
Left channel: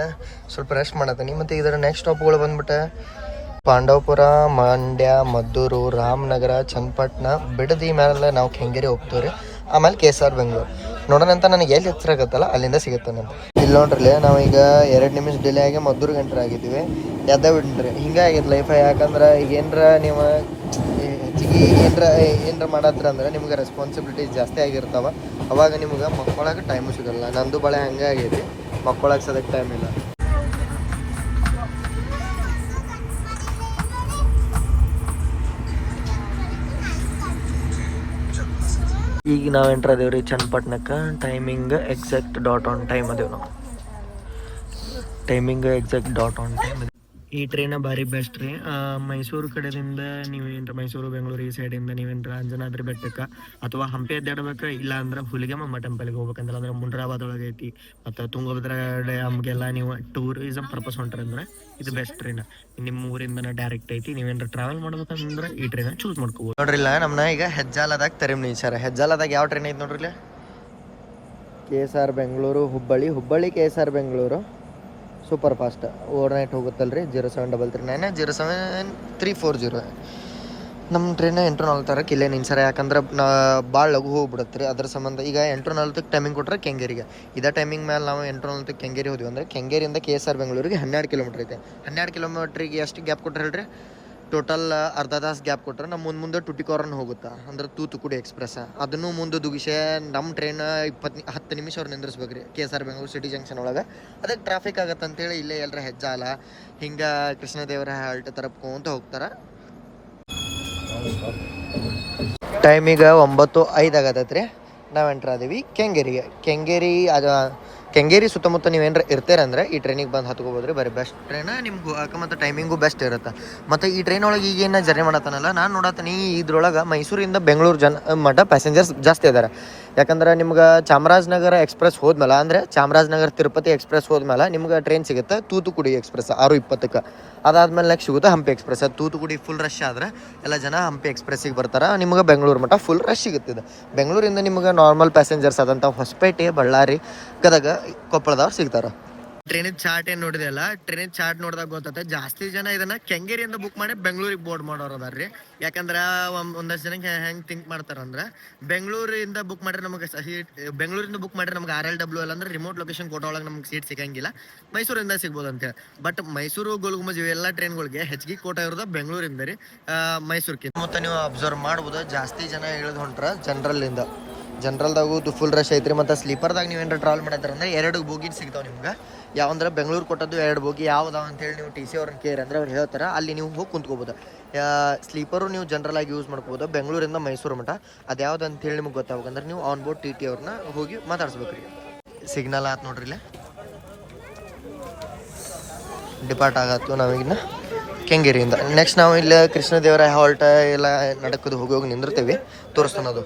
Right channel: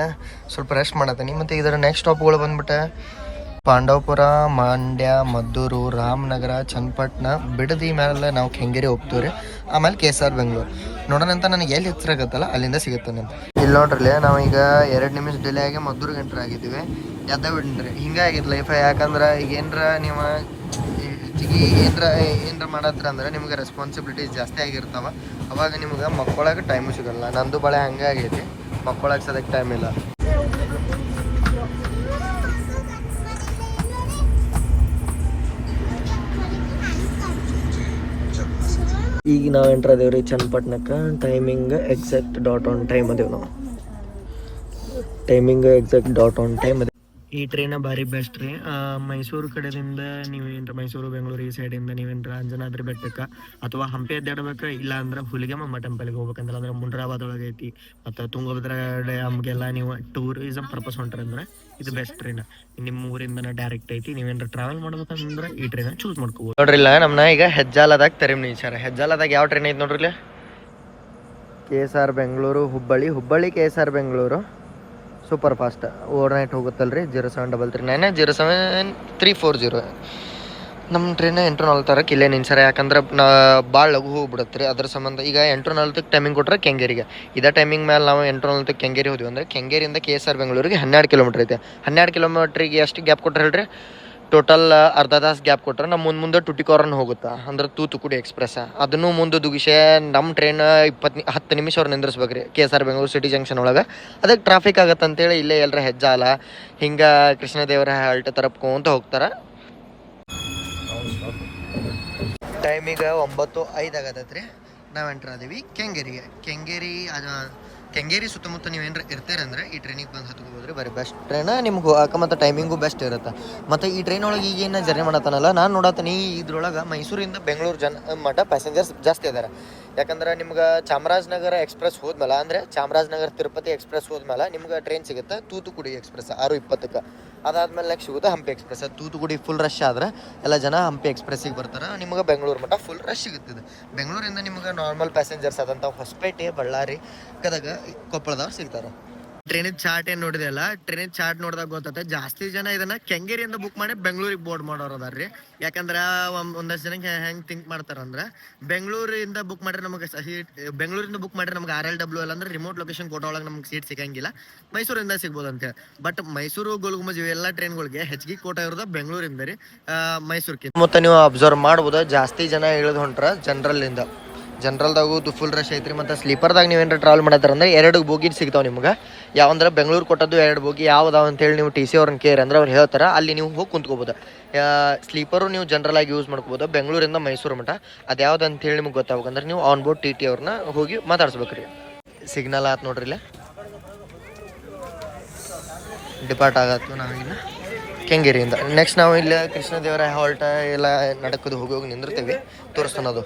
ಸ್ವಲ್ಪ ರೆಸ್ಟ್ ಮಾಡತ್ತೀನಿ ಮತ್ತು ಇದರ ನೆಕ್ಸ್ಟ್ ಸ್ಟಾಪ್ಗಳು ಬಂದ್ಬಿಟ್ಟು ಪಾಂಡವಪುರ, ಮಂಡ್ಯ, ಮದ್ದೂರು, ರಾಮನಗರ, ಚನ್ನಪಟ್ಟಣ, ಬಿಡದಿ ಮೇಲೆ ನಾವು ಕೆಂಗೇರಿ ಹೋಗ್ತೀವಿ ರೀ ಆಮೇಲೆ ಕೆ ಎಸ್ ಆರ್ ಬೆಂಗಳೂರು. ನೋಡೋಣ ಅಂತ ನನಗೆ ಎಲ್ಲಿ ಹತ್ತಿರ ಆಗುತ್ತಲ್ಲ ಅಲ್ಲಿಂದ ಸಿಗುತ್ತೆ ಅಂತ ಇಲ್ಲಿ ನೋಡ್ರಿ ನಾವು ಈಗ ಎರಡು ನಿಮಿಷ ಡಿಲೇ ಆಗಿ ಮದ್ದೂರು ಎಂಟ್ರ್ ಆಗಿದ್ದೀವಿ. ಎದ್ದ ಬಿಡ್ರಿ ಹಿಂಗೆ ಆಗಿತ್ತು ಲೈಫ್ ಯಾಕಂದ್ರೆ ಈಗ ಏನರ ನೀವು ಹೆಚ್ಚಿಗೆ ಏನರ ಏನರ ಮಾಡತ್ರ ಅಂದ್ರೆ ನಿಮ್ಗೆ ರೆಸ್ಪಾನ್ಸಿಬಿಲಿಟಿ ಜಾಸ್ತಿ ಆಗಿರ್ತಾವ. ಅವಾಗ ನಿಮ್ಗೆ ಮಕ್ಕಳಾಗ ಟೈಮು ಸಿಗಲ್ಲ. ನಂದು ಬಳೆ ಹಂಗೆ ಆಗೈತಿ. ಮಕ್ಕಳಾಗ ಸದಕ್ಕೆ ಟೈಮ್ ಇಲ್ಲ. ಈಗ ನಾವು ಎಂಟ್ರ್ ಅದೇವ್ರಿ ಚನ್ನಪಟ್ಟಣಕ್ಕೆ. Timing exact dot on time ಅದೇವು ನಾವು. Timing exact dot on time ಅದೇ ಈ ಟ್ರೈನ ಭಾರಿ ಬೆಸ್ಟ್ ರೀ. ಮೈಸೂರು ಕಡೆದಿಂದ ನೀವೇನ್ರ ಮೈಸೂರು, ಬೆಂಗಳೂರು ಈ ಸೈಡಿಂದ ನೀವೇನ್ರ ಅಂಜನಾದ್ರಿ ಬೆಟ್ಟಕ್ಕೆ. ಅಥವಾ ಹಂಪಿ ಅಡ್ಡಾಡ್ಬೇಕು, ಇಲ್ಲ ಅಂದ್ರೆ ಹುಲಿಗೆಮ್ಮ ಟೆಂಪಲ್ಗೆ ಹೋಗ್ಬೇಕಂದ್ರೆ ಅಂದ್ರೆ ಮುಂಡ್ರಾಬಾದ್ ಒಳಗೆ ಐತಿ ಮತ್ತು ತುಂಗಭದ್ರಾ ಡ್ಯಾಮ್ಗೆಲ್ಲ ನೀವು ಟೂರಿಸಮ್ ಪರ್ಪಸ್ ಹೊಂಟ್ರಂದ್ರೆ ಇದು ಬೆಸ್ಟ್ ಟ್ರೈನ್ ನಿಮ್ಮ ಊರಿಂದ ಡೈರೆಕ್ಟ್ ಐತಿ ನೀವೇನ್ರ ಟ್ರಾವೆಲ್ ಮಾಡ್ಬೇಕಂದ್ರೆ ಈ ಟ್ರೈನ್ ಚೂಸ್ ಮಾಡ್ಕೋಬಹುದು ನೋಡ್ರಿಲ್ಲ ನಮ್ಮನ್ನ ಈಗ ಹೆಜ್ಜಾಲದಾಗ ತೆರೆಮ್ ಸರ್. ಹೆಜ್ಜಾಲದಾಗ ಯಾವ ಟ್ರೈನ್ ಐತಿ ನೋಡ್ರಿಲ್ಲ K S R Bengaluru Hubballi Hubballi K S R Bengaluru super fast overnight ಹೋಗುತ್ತಲ್ರಿ? Zero seven double three nine zero seven three four zero ನಮ್ಮ ಟ್ರೈನ್ ಎಂಟು ನಲ್ವತ್ತರಕ್ಕೆ ಇಲ್ಲೇ ನಿನ್ಸರ ಯಾಕಂದ್ರೆ ಭಾಳ ಲಘು ಹೋಗ್ಬಿಡತ್ತೆ ರೀ ಅದ್ರ ಸಂಬಂಧ ಈಗ ಎಂಟು ನಲ್ವತ್ತಕ್ಕೆ ಟೈಮಿಂಗ್ ಕೊಟ್ಟರೆ ಕೆಂಗೇರಿಗೆ. ಇದೇ ಟೈಮಿಂಗ್ ಮೇಲೆ ನಾವು ಎಂಟು ನಲ್ವತ್ತಕ್ಕೆ ಕೆಂಗೇರಿ ಹೋದ್ವಿ ಅಂದ್ರೆ ಕೆಂಗೇರಿಯಿಂದ ಕೆ ಎಸ್ ಆರ್ ಬೆಂಗಳೂರಿಗೆ ಹನ್ನೆರಡು ಕಿಲೋಮೀಟ್ರ್ ಐತೆ. ಹನ್ನೆರಡು ಕಿಲೋಮೀಟ್ರಿಗೆ ಎಷ್ಟು ಗ್ಯಾಪ್ ಕೊಟ್ಟರೆ ಹೇಳ್ರಿ? ಟೋಟಲ್ ಅರ್ಧ ತಾಸು ಗ್ಯಾಪ್ ಕೊಟ್ಟರೆ ನಮ್ಮ ಮುಂದೆ ಮುಂದೆ ಟುಟಿಕೋರನ್ ಹೋಗುತ್ತಾ, ಅಂದ್ರೆ ತೂತುಕುಡಿ ಎಕ್ಸ್ಪ್ರೆಸ್ ಅದನ್ನು ಮುಂದೆ ದುಗಿಸೆ ನಮ್ಮ ಟ್ರೈನ್ ಇಪ್ಪತ್ತು ಹತ್ತು ನಿಮಿಷ ಅವ್ರು ನಿಂದ್ರಿಸ್ಬೇಕು ರೀ K S R Bengaluru city junction ಒಳಗೆ. ಅದಕ್ಕೆ ಟ್ರಾಫಿಕ್ ಆಗತ್ತೆ ಅಂತೇಳಿ ಇಲ್ಲೇ ಎಲ್ಲರ ಹೆಜ್ಜಾಲ, ಹಿಂಗೆ ಕೃಷ್ಣದೇವರ ಹಾಲ್ಟ್ ತರಪ್ಕೊಂತ ಹೋಗ್ತಾರೆ. ಟೈಮ್ ಈಗ ಒಂಬತ್ತು ಐದು ಆಗತ್ತೈತ್ರಿ. ನಾವು ಎಂಟ್ರ್ ಆದೀವಿ ಕೆಂಗೇರಿಗೆ. ಕೆಂಗೇರಿ, ಅದು ಕೆಂಗೇರಿ ಸುತ್ತಮುತ್ತ ಇರ್ತೀರ ಇರ್ತೀರಂದ್ರೆ ಈ ಟ್ರೈನಿಗೆ ಬಂದು ಹತ್ಕೋಬೋದ್ರಿ. ಬರೀ ಬೆಸ್ಟ್ ಟ್ರೈನ ನಿಮ್ಗೆ ಹೋಗಕ್ಕೆ ಮತ್ತು ಟೈಮಿಂಗು ಬೆಸ್ಟ್ ಇರುತ್ತೆ. ಮತ್ತು ಈ ಟ್ರೈನ್ ಒಳಗೆ ಈಗೇನು ಜರ್ನಿ ಮಾಡತ್ತಾನಲ್ಲ, ನಾನು ನೋಡತ್ತೀನಿ ಇದ್ರೊಳಗೆ ಮೈಸೂರಿಂದ ಬೆಂಗಳೂರು ಜನ ಮಟ್ಟ ಪ್ಯಾಸೆಂಜರ್ಸ್ ಜಾಸ್ತಿ ಇದ್ದಾರೆ ಯಾಕಂದ್ರೆ ನಿಮ್ಗೆ ಚಾಮರಾಜನಗರ ಎಕ್ಸ್ಪ್ರೆಸ್ ಹೋದ್ಮೇಲೆ, ಅಂದರೆ ಚಾಮರಾಜನಗರ ತಿರುಪತಿ ಎಕ್ಸ್ಪ್ರೆಸ್ ಹೋದ್ಮೇಲೆ ನಿಮ್ಗೆ ಟ್ರೈನ್ ಸಿಗುತ್ತೆ ತೂತುಕುಡಿ ಎಕ್ಸ್ಪ್ರೆಸ್, ಆರು ಇಪ್ಪತ್ತಕ್ಕೆ. ಅದಾದ್ಮೇಲೆ ನೆಕ್ಸ್ಟ್ ಸಿಗುತ್ತೆ ಹಂಪಿ ಎಕ್ಸ್ಪ್ರೆಸ್. ಅದು ತೂತುಕುಡಿ ಫುಲ್ ರಶ್ ಆದ್ರೆ ಎಲ್ಲ ಜನ ಹಂಪಿ ಎಕ್ಸ್ಪ್ರೆಸ್ಸಿಗೆ ಬರ್ತಾರೆ. ನಿಮ್ಗೆ ಬೆಂಗಳೂರು ಮಟ್ಟ ಫುಲ್ ರಶ್ ಸಿಗುತ್ತೆ ಇದು. ಬೆಂಗಳೂರಿಂದ ನಿಮ್ಗೆ ನಾರ್ಮಲ್ ಪ್ಯಾಸೆಂಜರ್ಸ್ ಆದಂಥ ಹೊಸಪೇಟೆ, ಬಳ್ಳಾರಿ, ಗದಗ, ಕೊಪ್ಪಳದವ್ರು ಸಿಗ್ತಾರೆ. ಟ್ರೈನಿನ ಚಾರ್ಟ್ ಏನು ನೋಡಿದೆ ಅಲ್ಲ? ಟ್ರೈನಿನ ಚಾರ್ಟ್ ನೋಡಿದಾಗ ಗೊತ್ತೈತೆ, ಜಾಸ್ತಿ ಜನ ಇದನ್ನ ಕೆಂಗೇರಿಯಿಂದ ಬುಕ್ ಮಾಡಿ ಬೆಂಗಳೂರಿಗೆ ಬೋರ್ಡ್ ಮಾಡೋರು ಅದಾರ್ರಿ ಯಾಕಂದ್ರೆ ಒಂದು ಒಂದಷ್ಟು ಜನಕ್ಕೆ ಹೆಂಗೆ ಥಿಂಕ್ ಮಾಡ್ತಾರಂದ್ರೆ, ಬೆಂಗಳೂರಿಂದ ಬುಕ್ ಮಾಡಿದ್ರೆ ನಮಗೆ ಸೀಟ್ ಬೆಂಗಳೂರಿಂದ ಬುಕ್ ಮಾಡಿದ್ರೆ ನಮ್ಗೆ ಆರ್ ಎಲ್ ಡಬ್ಲ್ಯೂ ಅಲ್ಲ ಅಂದ್ರೆ ರಿಮೋಟ್ ಲೊಕೇಶನ್ ಕೋಟ ಒಳಗೆ ನಮ್ಗೆ ಸೀಟ್ ಸಿಗಂಗಿಲ್ಲ. ಮೈಸೂರಿಂದ ಸಿಗ್ಬೋದು ಅಂತೇಳಿ ಬಟ್ ಮೈಸೂರು ಗುಲ್ಗುಮಜ್ ಇವೆಲ್ಲ ಟ್ರೈನ್ಗಳಿಗೆ ಹೆಚ್ಚಿಗೆ ಕೋಟ ಇರೋದು ಬೆಂಗಳೂರಿಂದ ರೀ ಮೈಸೂರಿಗೆ ಮತ್ತೆ ನೀವು ಅಬ್ಸರ್ವ್ ಮಾಡ್ಬೋದು? ಜಾಸ್ತಿ ಜನ ಇಳಿದು ಹೊಂಟ್ರ ಜನರಲ್ಲಿಂದ ಜನರಲ್ದಾಗೂ ಫುಲ್ ರಶ್ ಐತ್ರಿ. ಮತ್ತು ಸ್ಲೀಪರ್ದಾಗ ನೀವೇನಾರ ಟ್ರಾವೆಲ್ ಮಾಡತ್ತಾರ ಅಂದ್ರೆ ಎರಡು ಬೋಗಿ ಸಿಗ್ತಾವೆ ನಿಮ್ಗೆ. ಯಾವಂದ್ರೆ ಬೆಂಗಳೂರು ಕೊಟ್ಟದ್ದು ಎರಡು ಬೋಗಿ ಯಾವ್ದಾವ ಅಂತೇಳಿ ನೀವು ಟಿ ಸಿ ಅವ್ರನ್ನ ಕೇರ್ ಅಂದ್ರೆ ಅವ್ರು ಹೇಳ್ತಾರೆ. ಅಲ್ಲಿ ನೀವು ಹೋಗಿ ಕುಂತ್ಕೋಬೋದು. ಸ್ಲೀಪರು ನೀವು ಜನರಲಾಗಿ ಯೂಸ್ ಮಾಡ್ಕೋಬೋದು. ಬೆಂಗಳೂರಿಂದ ಮೈಸೂರು ಮಠ. ಅದು ಯಾವ್ದು ಅಂತೇಳಿ ನಿಮ್ಗೆ ಗೊತ್ತಾಗಬೇಕಂದ್ರೆ ನೀವು ಆನ್ ಬೋರ್ಡ್ ಟಿ ಟಿ ಅವ್ರನ್ನ ಹೋಗಿ ಮಾತಾಡ್ಸ್ಬೇಕ್ರಿ. ಸಿಗ್ನಲ್ ಆತ್ ನೋಡ್ರಿ ಇಲ್ಲ. ಡಿಪಾರ್ಟ್ ಆಗತ್ತು ನಾವೀಗಿನ್ನ ಕೆಂಗೇರಿಯಿಂದ. ನೆಕ್ಸ್ಟ್ ನಾವು ಇಲ್ಲಿ ಕೃಷ್ಣದೇವರ ಹಾಲ್ಟ ಎಲ್ಲ ನಡಕದು ಹೋಗಿ ಹೋಗಿ ನಿಂದಿರ್ತೀವಿ. ತೋರಿಸ್ತಾನದು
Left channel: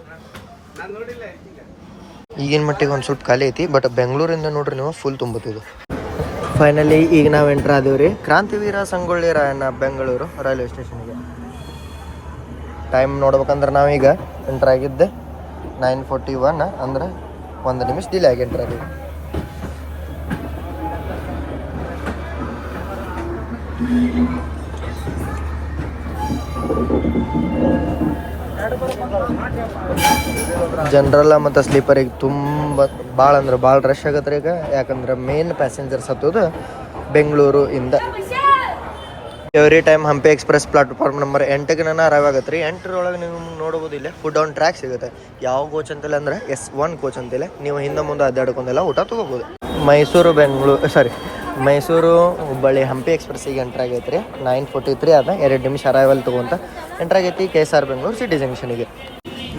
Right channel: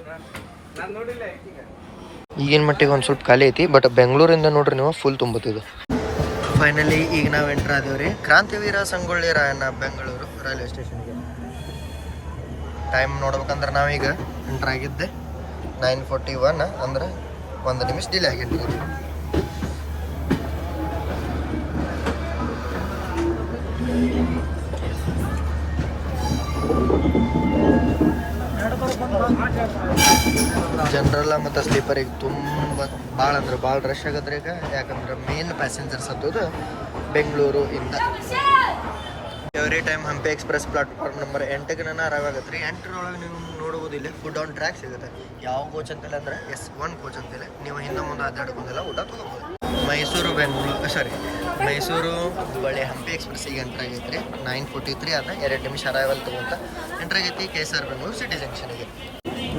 ಈಗಿನ ಮಟ್ಟಿಗೆ ಒಂದು ಸ್ವಲ್ಪ ಖಾಲಿ ಐತಿ ಬಟ್ ಬೆಂಗಳೂರಿಂದ ನೋಡ್ರಿ ನೀವು ಫುಲ್ ತುಂಬುತ್ತಿದ್ದು ಫೈನಲಿ ಈಗ ನಾವು ಎಂಟ್ರ್ ಆದೇವು ರೀ. ಕ್ರಾಂತಿವೀರ ಸಂಗೊಳ್ಳಿ ರಾಯಣ್ಣ, ಬೆಂಗಳೂರು ರೈಲ್ವೆ ಸ್ಟೇಷನ್ಗೆ ಟೈಮ್ ನೋಡ್ಬೇಕಂದ್ರೆ ನಾವೀಗ ಎಂಟ್ರ್ ಆಗಿದ್ದೆ. ನೈನ್ ಫೋರ್ಟಿ ಒನ್ ಅಂದ್ರೆ ಒಂದು ನಿಮಿಷ ಡಿಲೇ ಆಗಿ ಎಂಟ್ರ್ ಆಗಿದ್ವಿ ಜನರಲ್ಲ ಮತ್ತು ಸ್ಲೀಪರಿಗೆ ತುಂಬ ಭಾಳ ಅಂದ್ರೆ ಭಾಳ ರಶ್ ಆಗತ್ತೆ ಈಗ. ಯಾಕಂದ್ರೆ ಮೇನ್ ಪ್ಯಾಸೆಂಜರ್ಸ್ ಹತ್ತೋದು ಬೆಂಗಳೂರು ಇಂದ. Every time Hampi express platform number ಎಂಟಕ್ಕೆ ನಾನು ಅರೈವ್ ಆಗತ್ತೆ ರೀ. ಎಂಟರೊಳಗೆ ನೀವು ನೋಡ್ಬೋದು ಇಲ್ಲೇ ಫುಡ್ ಆನ್ ಟ್ರ್ಯಾಕ್ ಸಿಗುತ್ತೆ. ಯಾವ ಕೋಚ್ ಅಂತಿಲ್ಲ ಅಂದ್ರೆ ಎಸ್ ಒನ್ ಕೋಚ್ ಅಂತಿಲ್ಲ. ನೀವು ಹಿಂದೆ ಮುಂದೆ ಅಡ್ಡಾಡ್ಕೊಂಡೆಲ್ಲ ಊಟ ತೊಗೋಬೋದು. ಮೈಸೂರು, ಬೆಂಗಳೂರು ಸಾರಿ ಮೈಸೂರು, ಹುಬ್ಬಳ್ಳಿ ಹಂಪಿ ಎಕ್ಸ್ಪ್ರೆಸ್ಸಿಗೆ ಎಂಟ್ರ್ ಆಗೈತೆ ರೀ ನೈನ್ ಫೋರ್ಟಿ ತ್ರೀ ಅದ ಎರಡು ನಿಮಿಷ ಅರೈವಲ್ ತೊಗೊಂತ ಎಂಟ್ರ್ ಆಗೈತಿ K S R Bengaluru city ಜಂಕ್ಷನಿಗೆ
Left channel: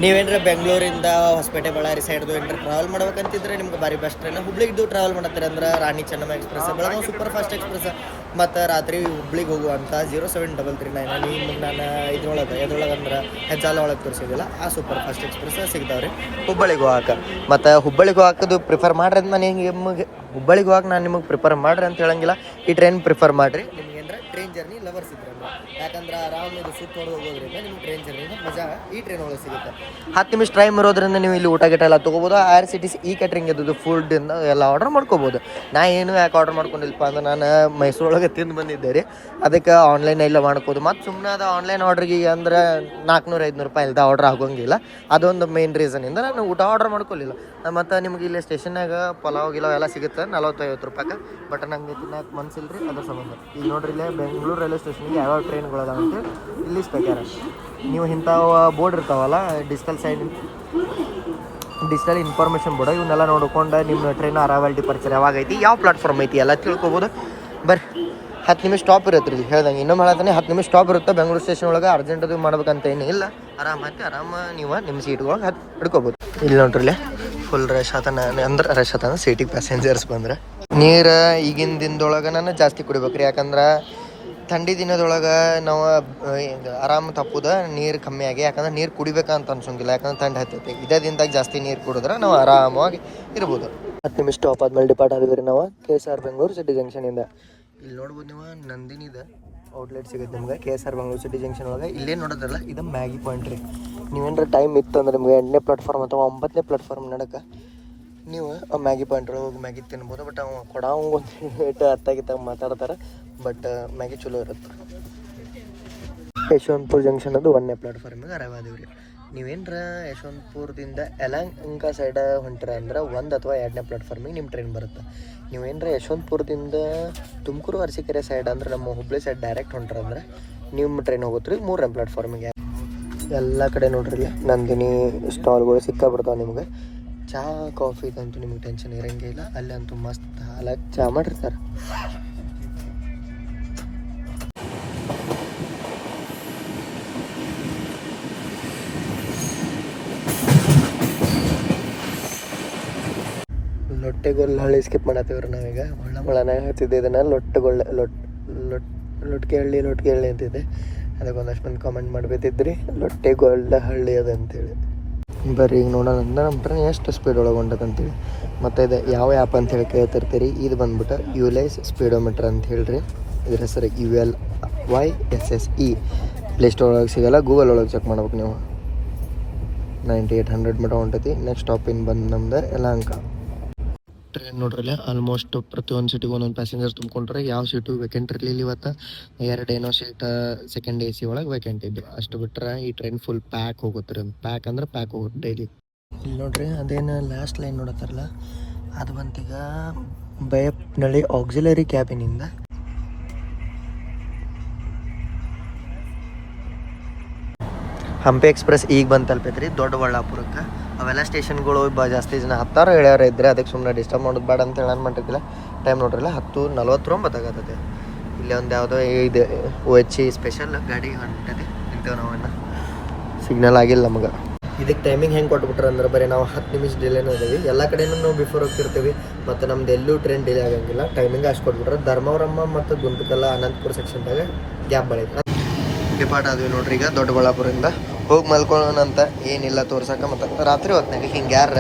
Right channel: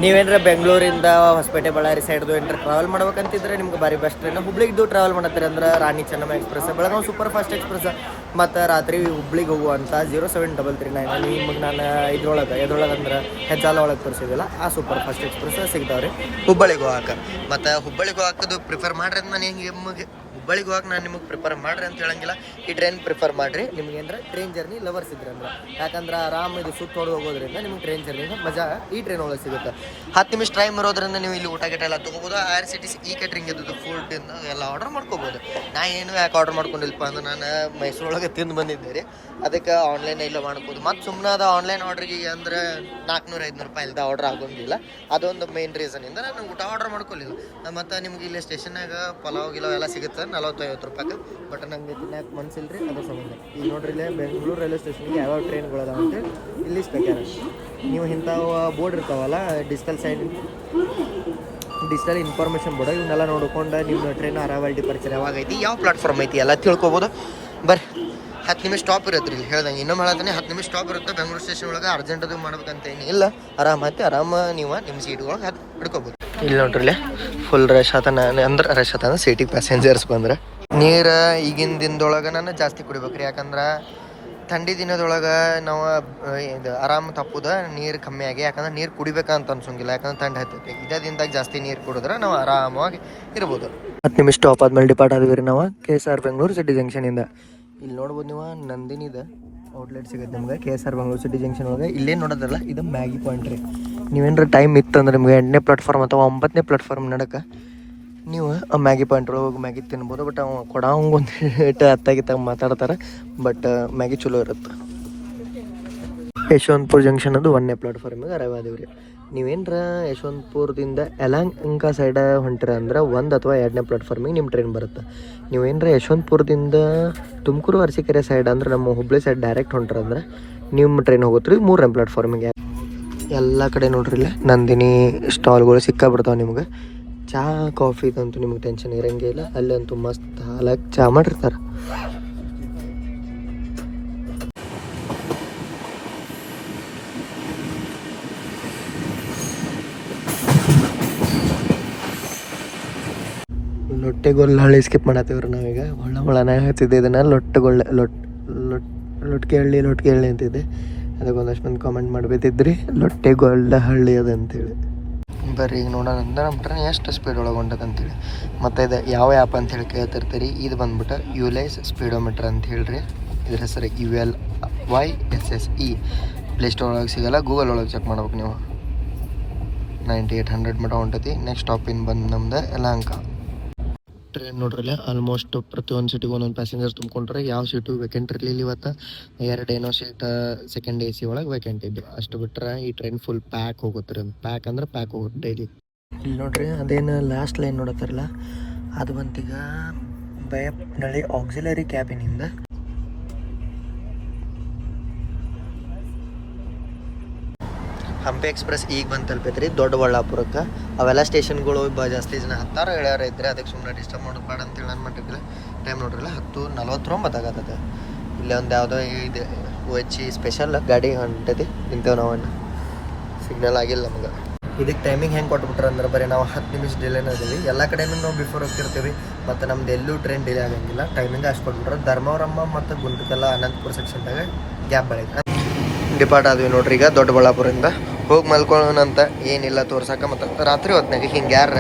ನೀವೇನ್ರ ಬೆಂಗಳೂರಿಂದ ಹೊಸಪೇಟೆ, ಬಳ್ಳಾರಿ ಸೈಡ್ದು ಏನ್ರ ಟ್ರಾವೆಲ್ ಮಾಡ್ಬೇಕಂತಿದ್ರೆ ನಿಮ್ಗೆ ಭಾರಿ ಬೆಸ್ಟ್ ಟ್ರೈನ್ ಹುಬ್ಳಿಗೆ ಟ್ರಾವೆಲ್ ಮಾಡತ್ತೀರಿ ಅಂದ್ರೆ Rani Chennamma express Belagavi super fast express ಮತ್ತು ರಾತ್ರಿ ಹುಬ್ಳಿಗೆ ಹೋಗುವಂಥ zero seven double three nine ಅಲ್ಲಿ ನಿಮಗೆ ನಾನು ಇದ್ರೊಳಗೆ, ಎದ್ರೊಳಗೆ ಅಂದ್ರೆ ಹೆಜ್ಜಾಲ ಒಳಗೆ ತೋರಿಸಿದಿಲ್ಲ ಆ ಸೂಪರ್ ಫಾಸ್ಟ್ ಎಕ್ಸ್ಪ್ರೆಸ್ ಸಿಗ್ತಾವ್ರಿ. ಹುಬ್ಬಳ್ಳಿಗೆ ಹೋಗಾಕ. ಮತ್ತು ಹುಬ್ಬಳ್ಳಿಗೆ ಹೋಗಾಕದು ಪ್ರಿಫರ್ ಮಾಡ್ರಿ ನಾನು ನಿಮಗೆ ಹುಬ್ಬಳ್ಳಿಗೆ ಹೋಗಕ್ಕೆ ನಾನು ನಿಮಗೆ ಪ್ರಿಫರ್ ಮಾಡ್ರಿ ಅಂತ ಹೇಳಂಗಿಲ್ಲ. ಈ ಟ್ರೈನ್ ಪ್ರಿಫರ್ ಮಾಡ್ರಿ. ನಿಮ್ಗೆ ಏನಾರ ಟ್ರೈನ್ ಜರ್ನಿ ಲವರ್ಸ್ ಇದ್ರೆ ಅಂದ್ರೆ. ಯಾಕಂದ್ರೆ ಆರಾಮ ಇದು ಸುತ್ತ ನೋಡಿ ಹೋಗೋದ್ರಿಂದ ನಿಮ್ಗೆ ಟ್ರೈನ್ ಜರ್ನಿ ಮಜಾ, ಈ ಟ್ರೈನ್ ಹೋಗೋದು ಸಿಗುತ್ತೆ. ಹತ್ತು ನಿಮಿಷ ಟೈಮ್ ಇರೋದ್ರಿಂದ ನೀವು ಇಲ್ಲಿ ಊಟ ಗಿಟ ಎಲ್ಲ ತೊಗೋಬೋದು. ಆರ್ ಸಿ ಈ ಕ್ಯಾಟ್ರಿಂಗ್ ಇದ್ದದ್ದು ಫುಡ್ ಎಲ್ಲ ಆರ್ಡರ್ ಮಾಡ್ಕೋಬೋದು. ನಾ ಏನು ಯಾಕೆ ಆರ್ಡರ್ ಮಾಡ್ಕೊಂಡಿಲ್ಲಪ್ಪ ಅಂದ್ರೆ ನಾನು ಮೈಸೂರೊಳಗೆ ತಿಂದು ಬಂದಿದ್ದೆ ರೀ. ಅದಕ್ಕೆ ಆನ್ಲೈನ್ ಎಲ್ಲ ಮಾಡ್ಕೋದು ಮತ್ತು ಸುಮ್ಮನೆ ಅದು ಆನ್ಲೈನ್ ಆರ್ಡ್ರಿಗೆ ಅಂದ್ರೆ ನಾಲ್ಕುನೂರು ಐದುನೂರು ರೂಪಾಯಿ ಇಲ್ದ ಆರ್ಡ್ರ್ ಆಗೋಂಗಿಲ್ಲ. ಅದೊಂದು ಮೇನ್ ರೀಸನಿಂದ ನಾನು ಊಟ ಆರ್ಡರ್ ಮಾಡ್ಕೊಳ್ಳಿಲ್ಲ ಮತ್ತು ನಿಮ್ಗೆ ಇಲ್ಲಿ ಸ್ಟೇಷನ್ನಾಗ ಪಲಾವ್, ಗಿಲಾವ್ ಎಲ್ಲ ಸಿಗುತ್ತೆ? ನಲವತ್ತೈವತ್ತು ರೂಪಾಯಿ ಬಟ್ ನಂಗೆ ತಿನ್ನಕ್ಕೆ ಮನ್ಸಿಲ್ಲ ರೀ ಅದ್ರ ಸಂಬಂಧ. ಈಗ ನೋಡ್ರಿ ಇಲ್ಲೇ ಬೆಂಗಳೂರು ರೈಲ್ವೆ ಸ್ಟೇಷನ್ಗೆ ಯಾವ್ಯಾವ ಟ್ರೈನ್ಗಳು ಅದಾವ ಅಂತ ಇಲ್ಲಿ ಸ್ಪೆಕ್ಯಾರ ನೀವು ಇಂಥವು ಬೋರ್ಡ್ ಇರ್ತಾವಲ್ಲ, digital side digital information board, ಇವನ್ನೆಲ್ಲ ನೋಡ್ಕೊಂಡು ನಿಮ್ಮ ಟ್ರೈನ್ ಅರೈವಲ್ ಡಿಪರ್ಚರ್ ಯಾವಾಗ ಐತಿ, ಯಾವ ಪ್ಲಾಟ್ಫಾರ್ಮ್ ಐತಿ ಎಲ್ಲ ತಿಳ್ಕೊಬೋದು. ಬರ್ರಿ, ಹತ್ತು ನಿಮಿಷ ಸ್ಟಾಪ್ ಇರುತ್ತೆ ಇಲ್ಲಿ ಹೇಳ್ದಂಗೆ. ಇನ್ನೊಮ್ಮೆ ಹೇಳ್ತಾನೆ ಹತ್ತು ನಿಮಿಷ ಸ್ಟಾಪ್ ಇರುತ್ತೆ, ಬೆಂಗಳೂರು ಸ್ಟೇಷನ್ ಒಳಗೆ ಅರ್ಜೆಂಟ್ ಅದು ಮಾಡ್ಬೇಕಂತ ಏನಿಲ್ಲ. ಆರಾಮ ಆರಾಮ ನೀವು, ನಿಮ್ಮ ಸೀಟ್ಗಳಿಗೆ ಹತ್ತು ಹಿಡ್ಕೋಬೋದು. ಇಲ್ಲಿ ನೋಡ್ರಿ ಇಲ್ಲಿ. ಫುಲ್ ರಶ್ ಆತನ ಅಂದ್ರೆ ರಶ್ ಆತನ ಸೀಟಿಗೆ ಪ್ಯಾಸೆಂಜರ್ಸ್ ಬಂದ್ರೆ. ನೀರು ಈಗಿನ ದಿನದೊಳಗೆ ನಾನು ಜಾಸ್ತಿ ಕುಡಿಬೇಕ್ರಿ. ಯಾಕಂದ್ರೆ ಥಂಡಿ ದಿನದೊಳಗೆ ನಾವು ಇದು ಆರಾಮ್ ತಪ್ಪುದ, ನೀರು ಕಮ್ಮಿ ಆಗಿ. ಯಾಕಂದ್ರೆ ನೀರು ಕುಡಿಬೇಕಂತ ಅನ್ಸಂಗಿಲ್ಲ. ಯಾಕಂದ್ರೆ ಥಂಡಿ ಹತ್ತೈತಿ. ಇದೇ ದಿನದಾಗ ಜಾಸ್ತಿ ನೀರು ಕುಡಿದ್ರೆ ನಾವು ಆರಾಮವಾಗಿ ಇರ್ಬೋದು. ಹತ್ತು ನಿಮಿಷ ಸ್ಟಾಪ್ ಆದ್ಮೇಲೆ ಡಿಪಾರ್ಟ್ ಆದ್ವಿ ರೀ ನಾವು. K S R Bengaluru city ಜಂಕ್ಷನಿಂದ ಇಲ್ಲಿ ನೋಡ್ಬೋದು ನೀವು ನಂದಿನಿದ ಔಟ್ಲೆಟ್ ಸಿಗುತ್ತೆ ನಿಮ್ಗೆ. K S R Bengaluru city junction ಒಳಗೆ. ಇಲ್ಲೇ ನೋಡೋದಲ್ಲ, ಇದು ಮ್ಯಾಗಿ ಪಾಯಿಂಟ್ ರೀ ನೀವೇನಾರ ಟೈಮ್ ಇತ್ತಂದ್ರೆ ನಿಮಗೆ ಎಂಟನೇ ಪ್ಲಾಟ್ಫಾರ್ಮ್ ಅಥವಾ ಒಂಬತ್ತನೇ ಪ್ಲಾಟ್ಫಾರ್ಮ್ ನಡಕ ನೀವು ಆ ಮ್ಯಾಗಿ ಪಾಯಿಂಟ್ ಹೋಗಿ ಮ್ಯಾಗಿ ತಿನ್ಬೋದು. ಬಟ್ ಅವ ಕೊಡಂಗೆ ಒಂದು ಇಟ್ಟು ಹತ್ತಾಗಿತ್ತಾಗ ಮಾತಾಡ್ತಾರೆ. ಬಟ್, ಮ್ಯಾಗಿ ಚಲೋ ಇರುತ್ತೆ. ಯಶವಂತಪುರ ಜಂಕ್ಷನ್ ಅದು ಒಂದನೇ ಪ್ಲಾಟ್ಫಾರ್ಮಿಗೆ ಅರೈವ್ ರೀ ನೀವೇನ್ರ ಯಶವಂತಪುರದಿಂದ ಯಲಹಂಕ ಸೈಡ ಹೊಂಟಿರ ಅಂದ್ರೆ ಒಂದು ಅಥವಾ ಎರಡನೇ ಪ್ಲಾಟ್ಫಾರ್ಮಿಗೆ ನಿಮ್ಮ ಟ್ರೈನ್ ಬರುತ್ತೆ. ನೀವೇನ್ರ ಯಶವಂತಪುರದಿಂದ ತುಮಕೂರು, ಅರಸೀಕೆರೆ ಸೈಡ್ ಅಂದ್ರೆ ನಮ್ಮ ಹುಬ್ಳಿ ಸೈಡ್ ಡೈರೆಕ್ಟ್ ಹೊಂಟ್ರ ಅಂದ್ರೆ ನಿಮ್ಮ ಟ್ರೈನ್ ಹೋಗುತ್ತೆ ಮೂರನೇ ಪ್ಲಾಟ್ಫಾರ್ಮಿಗೆ ಎಲ್ಲ ಕಡೆ ನೋಡ್ರಿ ನಂದಿನಿ ಸ್ಟಾಲ್ಗಳು ಸಿಕ್ಕಾಬಿಡ್ತಾವೆ ನಿಮ್ಗೆ. ಚಹಾ ಕಾಫಿದಂತೂ ನಿಮ್ಗೆ ಟೆನ್ಷನ್ ಇರಂಗೇ ಇಲ್ಲ. ಅಲ್ಲಂತೂ ಮಸ್ತ್ ಹಾಲಾಗಿ ಚಹಾ ಮಾಡಿರ್ತಾರೆ. ಲೊಟ್ಟೆಗೊಳ್ಳ ಹಳ್ಳಿ ಸ್ಕಿಪ್ ಮಾಡತ್ತೀವ್ರಿ ನಾವೀಗ ಒಳ್ಳೆ ಒಳನೇ ಹಚ್ಚಿದ್ದೆ ಇದನ್ನು. ಲೊಟ್ಟೆಗೊಳ್ಳೆ, ಲೊಟ್ ಲೊಟ್ ಲೊಟ್ಕೆ ಹಳ್ಳಿ ಲೊಟ್ಕೆ ಹಳ್ಳಿ ಅಂತಿದ್ದೆ ಅದಕ್ಕೆ ಒಂದಷ್ಟು ಮಂದಿ ಕಾಮೆಂಟ್ ಮಾಡ್ಬೇಕಿದ್ರಿ. ಲೊಟ್ಟೆಗೊಳ್ಳ ಹಳ್ಳಿ ಅದು ಅಂತೇಳಿ. ಬರ್ರಿ, ಈಗ ನೋಡೋಣ. ಅಂದ್ರೆ ನಮ್ಮ ಟ್ರೈನ್ ಎಷ್ಟು ಸ್ಪೀಡ್ ಒಳಗೆ ಅಂತೇಳಿ. ಮತ್ತು ಇದು ಯಾವ ಆ್ಯಪ್ ಅಂತ ಹೇಳಿ ಕೇಳ್ತಿರ್ತೀರಿ. ಇದು ಬಂದ್ಬಿಟ್ಟು ಯುಲೈಸ್ ಸ್ಪೀಡೋಮೀಟ್ರ್ ಅಂತ ಹೇಳ್ರಿ. ಇದ್ರ ಹೆಸರು U L Y S S E Play Store ಒಳಗೆ ಸಿಗೋಲ್ಲ ಗೂಗಲ್ ಒಳಗೆ ಚೆಕ್ ಮಾಡ್ಬೇಕು ನೀವು. ನೈಂಟಿ ಏಯ್ಟ್ ಹಂಡ್ರೆಡ್ ಮಟ ಹೊಂಟೈತಿ ನೆಕ್ಸ್ಟ್ ಸ್ಟಾಪಿನ್ ಬಂದು ನಮ್ದು ಯಲಹಂಕ. ಟ್ರೈನ್ ನೋಡ್ರಲ್ಲ ಆಲ್ಮೋಸ್ಟ್ ಪ್ರತಿಯೊಂದು ಸೀಟಿಗೆ ಒಂದೊಂದು ಪ್ಯಾಸೆಂಜರ್ ತುಂಬ್ಕೊಂಡ್ರೆ ಯಾವ ಸೀಟು ವೇಕೆಂಟ್ ಇರಲಿಲ್ಲ ಇವತ್ತು. ಎರಡು ಏನೋ ಸೀಟ್ ಸೆಕೆಂಡ್ ಎ ಸಿ ಒಳಗೆ ವೇಕೆಂಟ್ ಇದ್ದು ಅಷ್ಟು ಬಿಟ್ರೆ ಈ ಟ್ರೈನ್ ಫುಲ್ ಪ್ಯಾಕ್ ಹೋಗುತ್ತೆ ಪ್ಯಾಕ್ ಅಂದ್ರೆ ಪ್ಯಾಕ್ ಹೋಗುತ್ತೆ ಡೈಲಿ ಇಲ್ಲಿ ನೋಡ್ರಿ, ಅದೇನು ಲಾಸ್ಟ್ ಲೈನ್ ನೋಡತ್ತಾರಲ್ಲ? ಅದು ಬಂತೀಗ ಬಯಪ್ನಳ್ಳಿ ಆಕ್ಸಿಲರಿ ಕ್ಯಾಬಿನಿಂದ ಹಂಪಿ ಎಕ್ಸ್ಪ್ರೆಸ್ ಈಗ ಬಂದು ತಲುಪೈತ್ರಿ ದೊಡ್ಡ ಬಳ್ಳಾಪುರಕ್ಕೆ ಅವೆಲ್ಲ ಸ್ಟೇಷನ್ಗಳು ಬ ಜಾಸ್ತಿ ಜನ ಹತ್ತಾರು ಹೇಳ್ಯಾರ ಇದ್ರೆ ಅದಕ್ಕೆ ಸುಮ್ಮನೆ ಡಿಸ್ಟರ್ಬ್ ಮಾಡೋದು ಬೇಡ ಅಂತ ಹೇಳೋಣ ಮಾಡಿರ್ತಿಲ್ಲ. ಟೈಮ್ ನೋಡ್ರಲ್ಲ ಹತ್ತು ನಲ್ವತ್ತೊಂಬತ್ತಾಗತ್ತೆ ಇಲ್ಲೇ ಒಂದು ಯಾವುದೋ ಇದೆ ಓ ಎಚ್ ಇ ಸ್ಪೆಷಲ್ ಗಾಡಿ ಹೊಂಟೈತಿ ನಿಂತೇವೆ ನಾವು ಅಣ್ಣ. ಸಿಗ್ನಲ್ ಆಗಿಲ್ಲ ನಮಗೆ. ಇದಕ್ಕೆ ಟೈಮಿಂಗ್ ಹೆಂಗೆ ಕೊಟ್ಬಿಟ್ರೆ ಅಂದ್ರೆ ಬರೀ ನಾವು ಹತ್ತು ನಿಮಿಷ ಡಿಲೇನ ಇದ್ದೀವಿ ಎಲ್ಲ ಕಡೆನೂ ನಾವು ಬಿಫೋರ್ ಹೋಗ್ತಿರ್ತೀವಿ ಮತ್ತು ನಮ್ದು ಎಲ್ಲೂ ಟ್ರೈನ್ ಡಿಲೇ ಆಗಂಗಿಲ್ಲ. ಟೈಮಿಂಗ್ ಅಷ್ಟು ಕೊಟ್ಬಿಟ್ರೆ ಧರ್ಮವರಮ್ಮ ಮತ್ತು ಗುಂಟಕಲ್ಲ ಅನಂತಪುರ ಸೆಕ್ಷನ್ದಾಗ ಗ್ಯಾಪ್ ಬೆಳೈತೆ ಡಿಪಾರ್ಟ್ ಆದ್ವಿ ನೋಡ್ರಿ ಈಗ ದೊಡ್ಡಬಳ್ಳಾಪುರದಿಂದ. ಹೋಗಿ ಮಲ್ಕೊಳ್ಳೋಣಂತ ಏನಿಲ್ಲ ತೋರ್ಸಕ್ಕೆ ಮತ್ತು ರಾತ್ರಿ ಹೊತ್ನಾಗ ಹಿಂಗೆ ಯಾರ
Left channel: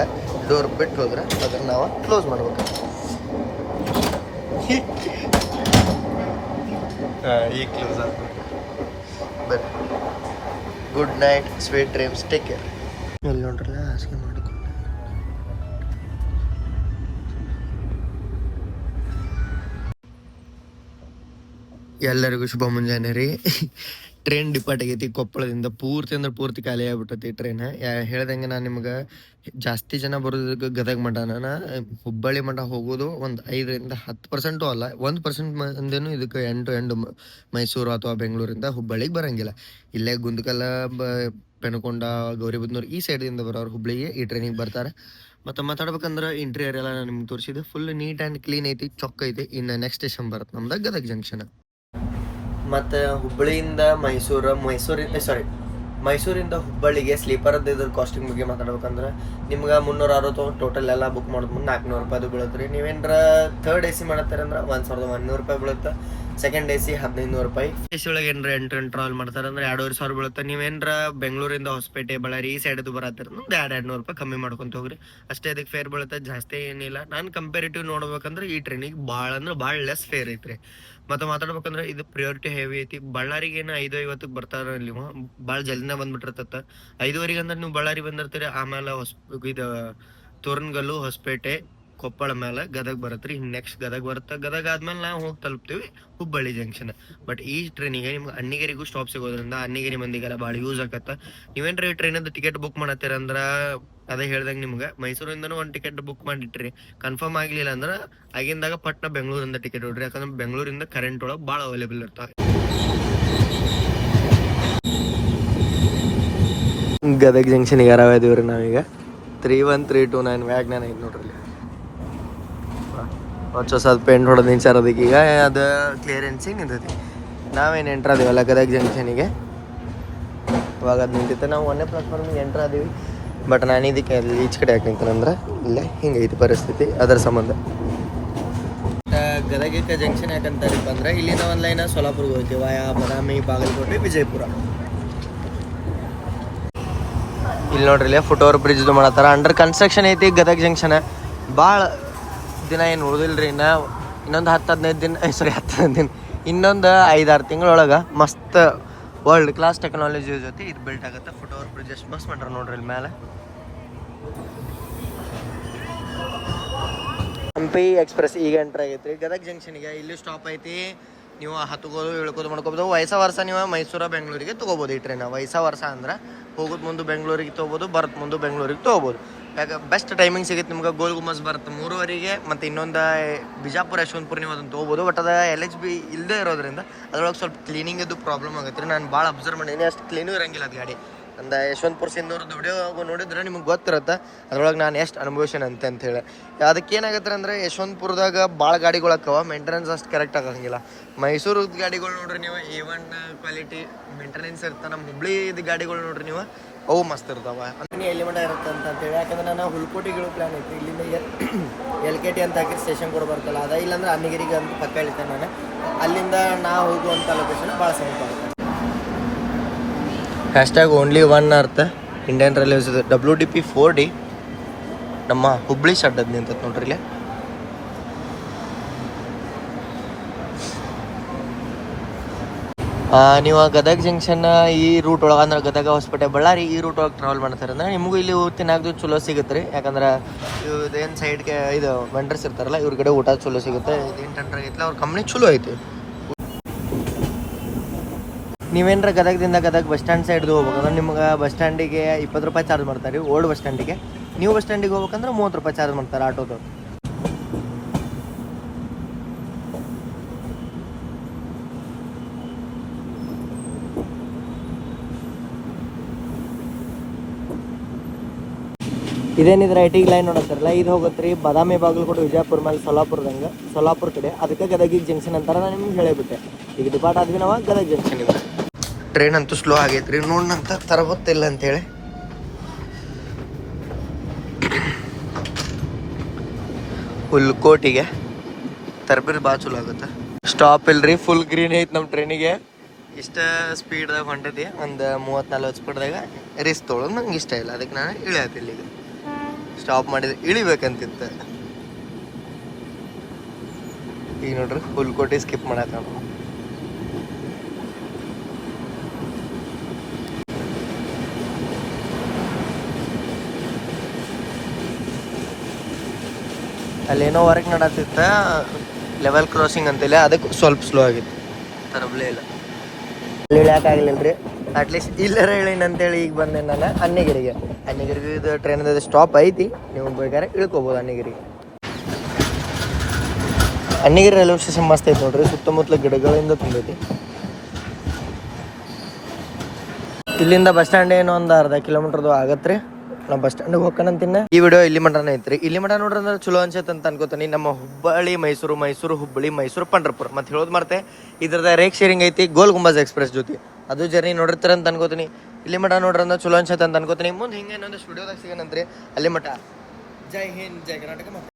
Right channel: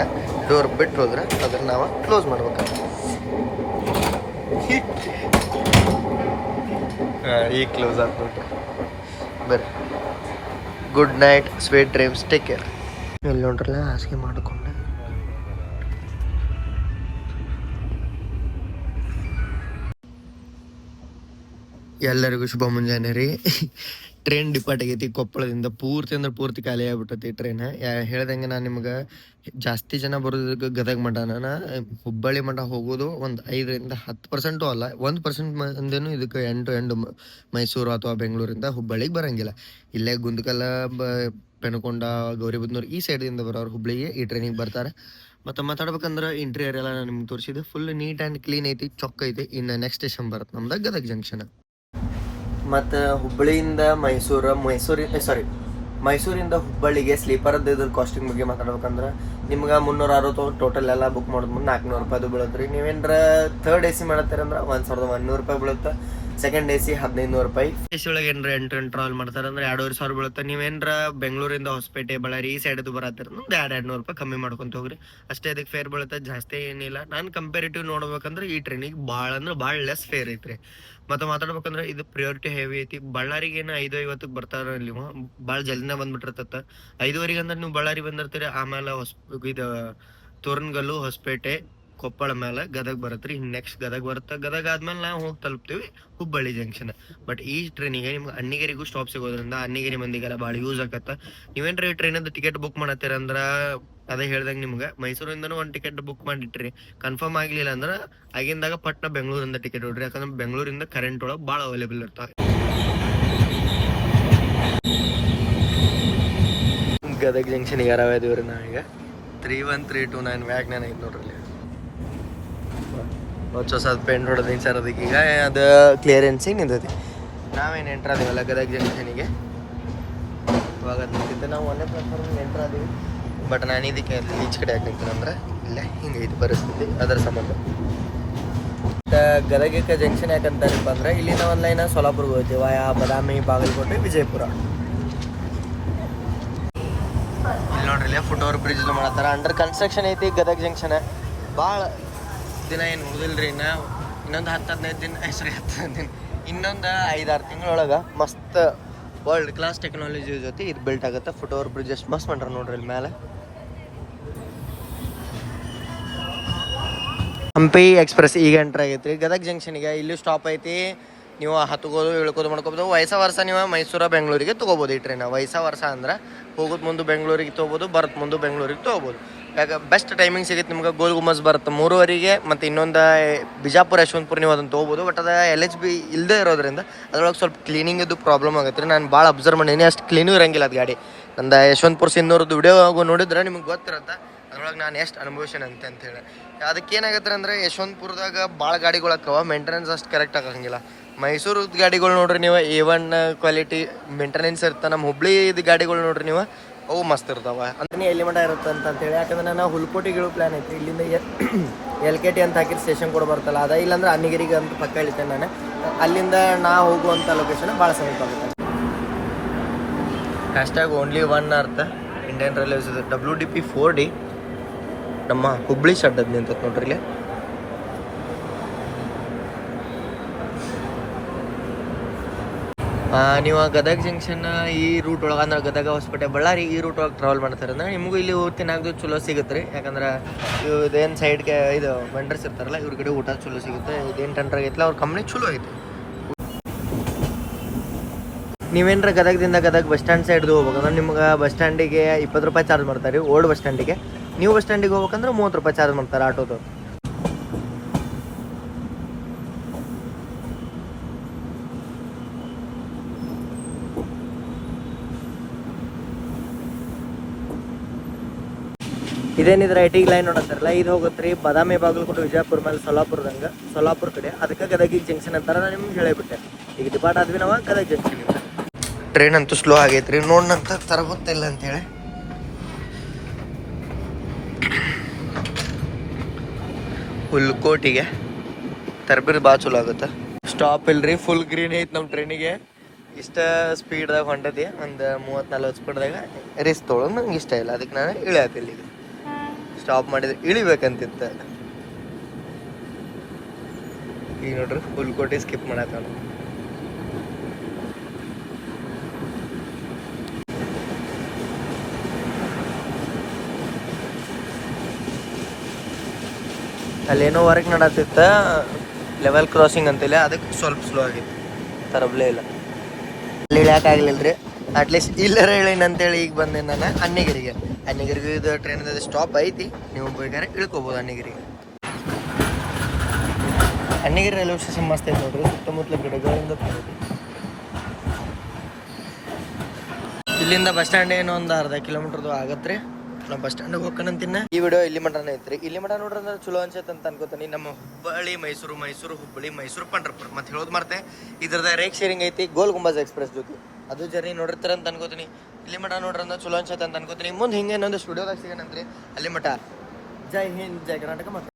ಡೋರ್ ಬಿಟ್ಟು ಹೋದ್ರೆ ಅದ್ರ ನಾವು ಕ್ಲೋಸ್ ಮಾಡ್ಬೇಕು ಹಾಂ ಈಗ ಕ್ಲೋಸ್ ಆಗ್ಬಿಟ್ಟು. ಬರ್ರಿ. Good night sweet dreams take care ಇಲ್ಲಿ ನೋಡ್ರಲ್ಲ ಹಾಸಿಗೆ ಮಾಡಿಕೊಂಡೆ. ಎಲ್ಲರಿಗೂ ಶುಭ ಮುಂಜಾನೆ ರೀ. ಟ್ರೈನ್ ಡಿಪಾರ್ಟ್ ಆಗೈತಿ ಕೊಪ್ಪಳದಿಂದ. ಪೂರ್ತಿ ಅಂದ್ರೆ ಪೂರ್ತಿ ಖಾಲಿ ಆಗ್ಬಿಟ್ಟೈತಿ ಟ್ರೈನ್ ಹೇಳ್ದಂಗೆ ನಾನು ನಿಮ್ಗೆ ಜಾಸ್ತಿ ಜನ ಬರೋದಕ್ಕೆ ಗದಗ ಮಠ ನಾನು ಹುಬ್ಬಳ್ಳಿ ಮಠ ಹೋಗೋದು ಒಂದು ಐದರಿಂದ ಹತ್ತು ಪರ್ಸೆಂಟು ಅಲ್ಲ, ಒಂದು ಪರ್ಸೆಂಟ್ ಮಂದಿನೂ ಇದಕ್ಕೆ ಎಂಟು ಎಂಟು ಮೈಸೂರು ಅಥವಾ ಬೆಂಗಳೂರಿಂದ ಹುಬ್ಬಳ್ಳಿಗೆ ಬರೋಂಗಿಲ್ಲ. ಇಲ್ಲೇ ಗುಂದಕಲ್ಲ, ಬ ಪೆನಕೊಂಡ ಗೌರಿಬುದ್ನೂರು ಈ ಸೈಡಿಂದ ಬರೋರು ಹುಬ್ಬಳ್ಳಿಗೆ ಈ ಟ್ರೈನಿಗೆ ಬರ್ತಾರೆ. ಮತ್ತು ಮಾತಾಡ್ಬೇಕಂದ್ರೆ ಇಂಟೀರಿಯರ್ ಎಲ್ಲ ನಾನು ನಿಮ್ಗೆ ತೋರಿಸಿದೆ ಫುಲ್ ನೀಟ್ ಆ್ಯಂಡ್ ಕ್ಲೀನ್ ಐತಿ, ಚೊಕ್ಕ ಐತಿ. ಇನ್ನು ನೆಕ್ಸ್ಟ್ ಸ್ಟೇಷನ್ ಬರುತ್ತೆ ನಮ್ದು ಗದಗ ಜಂಕ್ಷನ್ ಮತ್ತು ಹುಬ್ಬಳ್ಳಿಯಿಂದ ಮೈಸೂರು, ಮೈಸೂರಿ ಸಾರಿ ಮೈಸೂರಿಂದ ಹುಬ್ಬಳ್ಳಿಗೆ ಸ್ಲೀಪರದ್ದು ಇದ್ರ ಕಾಸ್ಟಿಂಗ್ ಬಗ್ಗೆ ಮಾತಾಡ್ಬೇಕಂದ್ರೆ ನಿಮ್ಗೆ ಮುನ್ನೂರ ಅರವತ್ತು ಟೋಟಲ್ ಎಲ್ಲ ಬುಕ್ ಮಾಡೋದು ಮುಂದೆ ನಾಲ್ಕುನೂರು ರೂಪಾಯಿದು ಬೀಳುತ್ತೆ ರೀ. ನೀವೇನ್ರ ಥರ್ಡ್ ಎ ಸಿ ಮಾಡತ್ತೀರಂದ್ರೆ ಒಂದು ಸಾವಿರದ ಒಂದುನೂರು ರೂಪಾಯಿ ಬೀಳುತ್ತೆ. ಸೆಕೆಂಡ್ ಎ ಸಿ ಹದಿನೈದು ರೂಪಾಯಿ. ಎ ಸಿ ಒಳಗೆ ಏನಾರ ಎಂಟು ಟ್ರಾವೆಲ್ ಮಾಡ್ತಾರೆ ಅಂದ್ರೆ ಎರಡೂವರೆ ಸಾವಿರ ಬೀಳುತ್ತೆ. ನೀವೇನ್ರ ಬೆಂಗಳೂರಿಂದ ಹೊಸಪೇಟೆ ಬಳ್ಳಾರಿ ಈ ಸೈಡ್ ಬರತ್ತಿರ ಒಂದು ಎರಡು ಎರಡು ನೂರು ರೂಪಾಯಿ ಕಮ್ಮಿ ಮಾಡ್ಕೊಂತ ಹೋಗ್ರಿ. ಅಷ್ಟೇ ಅದಕ್ಕೆ ಫೇರ್ ಬೀಳುತ್ತೆ. ಜಾಸ್ತಿ ಏನಿಲ್ಲ. ನಾನು ಕಂಪೇರಿಟಿವ್ ನೋಡ್ಬೇಕಂದ್ರೆ ಈ ಟ್ರೈನಿಗೆ ಭಾಳ ಅಂದ್ರೆ ಭಾಳ ಲೆಸ್ ಫೇರ್ ಐತ್ರಿ. ಮತ್ತೆ ಮಾತಾಡ್ಬೇಕಂದ್ರೆ ಇದು ಪ್ರಿಯಾರಿಟಿ ಹೆವಿ ಐತಿ. ಬಳ್ಳಾರಿಗೆ ಏನು ಐದು ಐವತ್ತಕ್ಕೆ ಬರ್ತಾರ ಇಲ್ಲಿ ಭಾಳ ಜಲ್ದಿನ ಬಂದ್ಬಿಟ್ಟಿರ್ತತ್ತ ಐದುವರೆಗೆ ಅಂದ್ರೆ ನೀವು ಬಳ್ಳಾರಿ ಬಂದಿರ್ತೀರಿ. ಆಮೇಲೆ ಹೊಸ ಇದು ತೋರಣಗಲ್ಲು ಹೊಸಪೇಟೆ ಕೊಪ್ಪಳ ಮೇಲೆ ಗದಗ ರೀ ನೆಕ್ಸ್ಟ್ ಗದಗ ಬರುತ್ತೆ. ಗದಗ ಆದ್ಮೇಲೆ ನಾವು ಹೋಗಿ ತಲುಪ್ತೀವಿ ಹುಬ್ಬಳ್ಳಿ ಜಂಕ್ಷನ್ ಬಟ್ ಈ ಟ್ರೈನಿಗೆ ನಿಮ್ಗೆ ಅಣ್ಣಿಗೇರಿಗೂ ಸ್ಟಾಪ್ ಸಿಗೋದ್ರಿಂದ ಅಣ್ಣಿಗೇರಿ ಮಂದಿಗೆಲ್ಲ ಭಾಳ ಯೂಸ್ ಆಗತ್ತ ನೀವೇನ್ರಿ ಟ್ರೈನಿಂದ ಟಿಕೆಟ್ ಬುಕ್ ಮಾಡತ್ತೀರ ಅಂದ್ರ ಅದೇ ಹೇಳ್ದಂಗೆ ನಿಮ್ಗೆ. ಮೈಸೂರಿಂದನೂ ಒಂದು ಟಿಕೆಟ್ ಬುಕ್ ಮಾಡಿಟ್ರಿ. ಕನ್ಫರ್ಮ್ ಆಗಲಿಲ್ಲ ಅಂದ್ರೆ ಆಗಿಂದಾಗ ಪಟ್ನ ಬೆಂಗಳೂರಿಂದ ಟಿಕೆಟ್ ಹೊಡ್ರಿ. ಯಾಕಂದ್ರೆ ಬೆಂಗಳೂರಿಂದ ಕರೆಂಟ್ ಒಳಗೆ ಭಾಳ ಅವೈಲೇಬಲ್ ಇರ್ತಾವೆ. ಗದಗ ಜಂಕ್ಷನ್ ಯಾರಾವ ಇದೀವಿ ರೀ ನಾವೀಗ? Three one three two nine ವ್ಯಾಗ್ ಐತೆ ನೋಡ್ರಿ ಇಲ್ಲಿ ಹೊಸ ಹೊಸದು ಪೇಂಟ್ ಹೊಡೆದು ನಿಂಚಾರದಕ್ಕೆ ಈಗ ಅದು ಕ್ಲಿಯರೆನ್ಸಿಗೆ ನಿಂತೈತಿ. ನಾವೇನು ಎಂಟ್ರ್ ಅದೀವಲ್ಲ ಗದಗ ಜಂಕ್ಷನಿಗೆ ಇವಾಗ ಅದು ನಿಂತೈತೆ. ನಾವು ಒಂದೇ ಪ್ಲಾಟ್ಫಾರ್ಮಿಗೆ ಎಂಟ್ರ್ ಅದೀವಿ ಬಟ್ ನಾನು ಇದಕ್ಕೆ ಈಚೆ ಕಡೆ ಯಾಕೆ ನಿಂತೇನಂದ್ರೆ ಇಲ್ಲೇ ಹಿಂಗೆ ಇದು ಪರಿಸ್ಥಿತಿ. ಅದರ ಸಂಬಂಧ. ಗದಗಿಕ ಜಂಕ್ಷನ್ ಯಾಕಂತಾರಪ್ಪ ಅಂದ್ರೆ, ಇಲ್ಲಿಂದ ಒಂದು ಲೈನ್ ಸೋಲಾಪುರ್ಗೆ ಹೋಗ್ತೀವಿ ವಾಯಾ, ಬದಾಮಿ, ಬಾಗಲಕೋಟೆ, ವಿಜಯಪುರ. ಇಲ್ಲಿ ನೋಡ್ರಿ, ಇಲ್ಲೇ ಫುಟ್ ಓವರ್ ಬ್ರಿಡ್ಜ್ ಮಾಡತ್ತಾರ. ಅಂಡರ್ ಕನ್ಸ್ಟ್ರಕ್ಷನ್ ಐತಿ ಗದಗ ಜಂಕ್ಷನ್ ಭಾಳ ದಿನ ಏನು ಓದಿಲ್ರಿ ಇನ್ನ ಇನ್ನೊಂದು ಹತ್ತು ಹದಿನೈದು ದಿನ ಸಾರಿ ಹತ್ತು ಹದಿನೈದು ದಿನ ಇನ್ನೊಂದು ಐದಾರು ತಿಂಗಳೊಳಗೆ ಮಸ್ತ್ ವರ್ಲ್ಡ್ ಕ್ಲಾಸ್ ಟೆಕ್ನಾಲಜಿ ಜೊತೆ ಇದು ಬಿಲ್ಟ್ ಆಗುತ್ತೆ. ಫುಟ್ ಎಷ್ಟು ಮಸ್ತ್ ಮಾಡ್ರೆ ನೋಡ್ರಿ ಇಲ್ಲಿ ಮೇಲೆ ಹಂಪಿ ಎಕ್ಸ್ಪ್ರೆಸ್ ಈಗ ಎಂಟ್ರ್ ಆಗೈತಿ ಗದಗ ಜಂಕ್ಷನ್ಗೆ ಇಲ್ಲಿ ಸ್ಟಾಪ್ ಐತಿ. ನೀವು ಹತ್ಕೋದು ಇಳ್ಕೋದು ಮಾಡ್ಕೋಬೋದು. ವಯಸ್ಸ ವರ್ಷ ನೀವು ಮೈಸೂರ, ಬೆಂಗಳೂರಿಗೆ ತೊಗೋಬೋದು ಈ ಟ್ರೈನ ವಯಸ್ಸ ವರ್ಷ ಅಂದ್ರೆ ಹೋಗೋದು ಮುಂದೆ ಬೆಂಗಳೂರಿಗೆ ತೊಗೋಬೋದು ಬರತ್ ಮುಂದೆ ಬೆಂಗಳೂರಿಗೆ ತೊಗೋಬೋದು. ಯಾಕೆ ಬೆಸ್ಟ್ ಟೈಮಿಂಗ್ ಸಿಗುತ್ತೆ ನಿಮ್ಗೆ ಗೋಲ್ ಗುಮ್ಮಸ್ ಬರುತ್ತೆ. ಮೂರುವರೆಗೆ ಮತ್ತು ಇನ್ನೊಂದು ಬಿಜಾಪುರ, ಯಶವಂತಪುರ ನೀವು ಅದನ್ನು ತೊಗೋಬೋದು. ಬಟ್ ಅದು ಎಲ್ ಎಚ್ ಬಿ ಇಲ್ಲದೆ ಇರೋದ್ರಿಂದ ಅದ್ರೊಳಗೆ ಸ್ವಲ್ಪ ಕ್ಲೀನಿಂಗದು ಪ್ರಾಬ್ಲಮ್ ಆಗುತ್ತೆ ರೀ. ನಾನು ಭಾಳ ಅಬ್ಸರ್ವ್ ಮಾಡೀನಿ, ಅಷ್ಟು ಕ್ಲೀನೂ ಇರಂಗಿಲ್ಲ ಅದು ಗಾಡಿ. ನಂದು ಯಶವಂತಪುರ ಸಿನ್ನೂರದ್ದು ವಿಡಿಯೋ ನೋಡಿದ್ರೆ ನಿಮ್ಗೆ ಗೊತ್ತಿರುತ್ತೆ, ಅದ್ರೊಳಗೆ ನಾನು ಎಷ್ಟು ಅನುಭವಿಸೇನೆ ಅಂತ ಅಂತೇಳಿ ಅದಕ್ಕೆ ಏನಾಗತ್ತೆ ಅಂದ್ರೆ ಯಶವಂತಪುರದಾಗ ಭಾಳ ಗಾಡಿಗಳು ಹಾಕವ ಮೇಂಟೆನೆನ್ಸ್ ಅಷ್ಟು ಕರೆಕ್ಟ್ ಆಗಂಗಿಲ್ಲ. ಮೈಸೂರು ಗಾಡಿಗಳು ನೋಡ್ರಿ ನೀವು ಎ ಒನ್ ಕ್ವಾಲಿಟಿ ಮೇಂಟೆನೆನ್ಸ್ ಇರ್ತಾ ನಮ್ಮ ಹುಬ್ಳಿದು ಗಾಡಿಗಳು ನೋಡ್ರಿ ನೀವು ಅವು ಮಸ್ತ್ ಇರ್ತಾವ. ಅಂದ್ರೆ ಎಲ್ಲಿ ಮಠ ಇರುತ್ತೆ ಅಂತ ಅಂತೇಳಿ. ಯಾಕಂದ್ರೆ ನಾನು ಹುಲ್ಕೋಟಿಗಳು ಪ್ಲಾನ್ ಐತಿ. ಇಲ್ಲಿಂದ ಎಲ್ ಕೆ ಟಿ ಅಂತ ಹಾಕಿದ್ರೆ ಸ್ಟೇಷನ್ ಕೂಡ ಬರ್ತಲ್ಲ ಅದ ಇಲ್ಲಾಂದ್ರೆ ಅಮಿಗಿರಿಗೆ ಅಂತ ಪಕ್ಕ ಇಳಿತೇನೆ ನಾನು. ಅಲ್ಲಿಂದ ನಾ ಹೋಗುವಂಥ ಲೊಕೇಶನ್ ಭಾಳ ಸಮೀಪ ಆಗುತ್ತೆ. ಹ್ಯಾಶ್ಟ್ಯಾಗ್ ಓನ್ಲಿ ಒನ್ ಅರ್ಥ Indian railways W D P four D ನಮ್ಮ ಹುಬ್ಳಿ ಶಡ್ಡದ್ ನಿಂತತ್ ನೋಡ್ರಿ ಇಲ್ಲಿ. ನೀವು ಗದಗ ಜಂಕ್ಷನ್ ಈ ರೂಟ್ ಒಳಗೆ ಅಂದ್ರೆ ಗದಗ ಹೊಸಪೇಟೆ ಬಳ್ಳಾರಿ ಈ ರೂಟ್ ಒಳಗೆ ಟ್ರಾವೆಲ್ ಮಾಡ್ತಾರೆ ಅಂದ್ರೆ ನಿಮಗೂ ಇಲ್ಲಿ ತಿನ್ನಾಗ್ದು ಚಲೋ ಸಿಗುತ್ತೆ ರೀ ಯಾಕಂದ್ರೆ ಇದೇನು ಸೈಡ್ಗೆ ಇದು ವೆಂಡರ್ಸ್ ಇರ್ತಾರಲ್ಲ, ಇವ್ರ ಕಡೆ ಊಟ ಚಲೋ ಸಿಗುತ್ತೆ. ಇದೇನು ಟೆಂಡರ್ ಆಗೈತಿಲ್ಲ ಅವ್ರ ಕಂಪ್ನಿ ಚಲೋ ಐತಿ. ನೀವೇನ್ರ ಗದಗದಿಂದ ಗದಗ ಬಸ್ ಸ್ಟ್ಯಾಂಡ್ ಸೈಡ್ದು ಹೋಗ್ಬೇಕಂದ್ರೆ ನಿಮ್ಗೆ ಬಸ್ ಸ್ಟ್ಯಾಂಡಿಗೆ ಇಪ್ಪತ್ತು ರೂಪಾಯಿ ಚಾರ್ಜ್ ಮಾಡ್ತಾರೆ ರೀ ಓಲ್ಡ್ ಬಸ್ ಸ್ಟ್ಯಾಂಡಿಗೆ ನೀವು ಬಸ್ ಸ್ಟ್ಯಾಂಡಿಗೆ ಹೋಗ್ಬೇಕಂದ್ರೆ ಮೂವತ್ತು ರೂಪಾಯಿ ಚಾರ್ಜ್ ಮಾಡ್ತಾರೆ ಆಟೋದು. ಇದೇನಿದ್ರೆ ಐ ಟಿ ಲೈನ್ ನೋಡತ್ತಾರಲ್ಲ ಇದು ಹೋಗುತ್ತೆ ರೀ ಬಾದಾಮಿ ಬಾಗಲಕೋಟೆ, ವಿಜಯಪುರ ಮೇಲೆ ಸೊಲ್ಲಾಪುರದಂಗೆ ಸೊಲ್ಲಾಪುರ ಕಡೆ ಅದಕ್ಕೆ ಗದಗಿಗೆ ಜಂಕ್ಷನ್ ಅಂತಾರೆ ನಾನು ನಿಮ್ಗೆ ಹೇಳಿಬಿಟ್ಟೆ. ಈಗ ಡಿಪಾರ್ಟ್ ಆದ್ವಿ ನಾವು ಗದಗ ಜಂಕ್ಷನ್ ಇದೆ. ಟ್ರೈನ್ ಅಂತೂ ಸ್ಲೋ ಆಗೈತ್ರಿ. ನೋಡ್ನಂತ ತರಗೊತ್ತಿಲ್ಲ ಅಂತೇಳಿ ಹುಲ್ಕೋಟಿಗೆ ತರಬಿರಿ ಭಾಳ ಚಲೋ ಆಗುತ್ತೆ. ಸ್ಟಾಪ್ ಇಲ್ರಿ ಫುಲ್ ಗ್ರೀನ್ ಐತೆ ನಮ್ಮ ಟ್ರೈನಿಗೆ ಇಷ್ಟ ಸ್ಪೀಡ್ದಾಗ ಹೊಂಟತಿ, ಒಂದು ಮೂವತ್ತು ನಲ್ವತ್ತು ಸ್ಪೀಡ್ದಾಗ ರಿಸ್ಕ್ ತೊಗೊಳೋದು ನಂಗೆ ಇಷ್ಟ ಇಲ್ಲ. ಅದಕ್ಕೆ ನಾನು ಇಳಿಯತ್ತಿಲ್ಲ ಈಗ. ಸ್ಟಾಪ್ ಮಾಡಿದ್ರೆ ಇಳಿಬೇಕಂತಿತ್ತ. ಈಗ ನೋಡ್ರಿ ಹುಲ್ಕೋಟಿ ಸ್ಕಿಪ್ ಮಾಡತ್ತ ಅಲ್ಲೇನೋ ವರ್ಕ್ ನಡತ್ತಿತ್ತ ಲೆವೆಲ್ ಕ್ರಾಸಿಂಗ್ ಅಂತೇಳಿ, ಅದಕ್ಕೆ ಸ್ವಲ್ಪ ಸ್ಲೋ ಆಗಿತ್ತು. ತರಬ್ಲೇ ಇಲ್ಲ. ಅಲ್ಲಿ ಇಳಿಯೋಕ್ಕಾಗಲಿಲ್ಲ ರೀ ಅಟ್ಲೀಸ್ಟ್ ಇಲ್ಲರ ಅಂತೇಳಿ ಈಗ ಬಂದೆ ನಾನು ಅನ್ನಗಿರಿಗೆ ಅನ್ನಗಿರಿಗೆ ಇದು ಟ್ರೈನ್ ಸ್ಟಾಪ್ ಐತಿ. ನೀವು ಬೇಕಾದ್ರೆ ಇಳ್ಕೊಬೋದು ಅಣ್ಣಗಿರಿಗೆ. ಅನ್ನಗಿರಿ ರೈಲ್ವೆ ಸ್ಟೇಷನ್ ಮಸ್ತ್ ಐತಿ ನೋಡ್ರಿ, ಸುತ್ತಮುತ್ತಲ ಗಿಡಗಳಿಂದ ತುಂಬೈತಿ ಇಲ್ಲಿಂದ ಬಸ್ ಸ್ಟ್ಯಾಂಡ್ ಏನೋ ಒಂದು ಅರ್ಧ ಕಿಲೋಮೀಟರ್ದು ಆಗತ್ತೆ ನಾವು ಬಸ್ ಸ್ಟ್ಯಾಂಡಿಗೆ ಹೋಗ್ಕನಂತಿನ್ನ ಈ ವಿಡಿಯೋ ಇಲ್ಲಿ ಮಟನ ಐತ್ರಿ ಇಲ್ಲಿ ಮಟ ನೋಡ್ರಿ ಅಂದ್ರೆ ಚಲೋ ಅನ್ಸತ್ತೆ ಅಂತ ಅನ್ಕೋತೀನಿ. ನಮ್ಮ ಹುಬ್ಬಳ್ಳಿ, ಮೈಸೂರು ಮೈಸೂರು, ಹುಬ್ಬಳ್ಳಿ, ಮೈಸೂರು, ಪಂಡ್ರಪುರ. ಮತ್ತೆ ಹೇಳೋದು ಮಾಡ್ತೆ ಇದ್ರದ ರೇಕ್ ಶೇರಿಂಗ್ ಐತಿ, ಗೋಲ್ ಗುಂಬಾಜ್ ಎಕ್ಸ್ಪ್ರೆಸ್ ಜೊತೆ. ಅದು ಜರ್ನಿ ನೋಡಿರ್ತಾರೆ ಅಂತ ಅನ್ಕೋತೀನಿ. ಇಲ್ಲಿ ಮಠ ನೋಡ್ರಿ ಅಂದ್ರೆ ಚಲೋ ಅನ್ಸತ್ತೆ ಅಂತ ಅನ್ಕೋತೀನಿ. ಮುಂದೆ ಹಿಂಗೆ ಇನ್ನೊಂದು ಸ್ಟುಡಿಯೋದಾಗ ಸಿಗೋಣಂತ್ರಿ. ಅಲ್ಲಿ ಮಠ. ಜೈ ಹಿಂದ್, ಜೈ ಕರ್ನಾಟಕ ಮತ್ತೆ.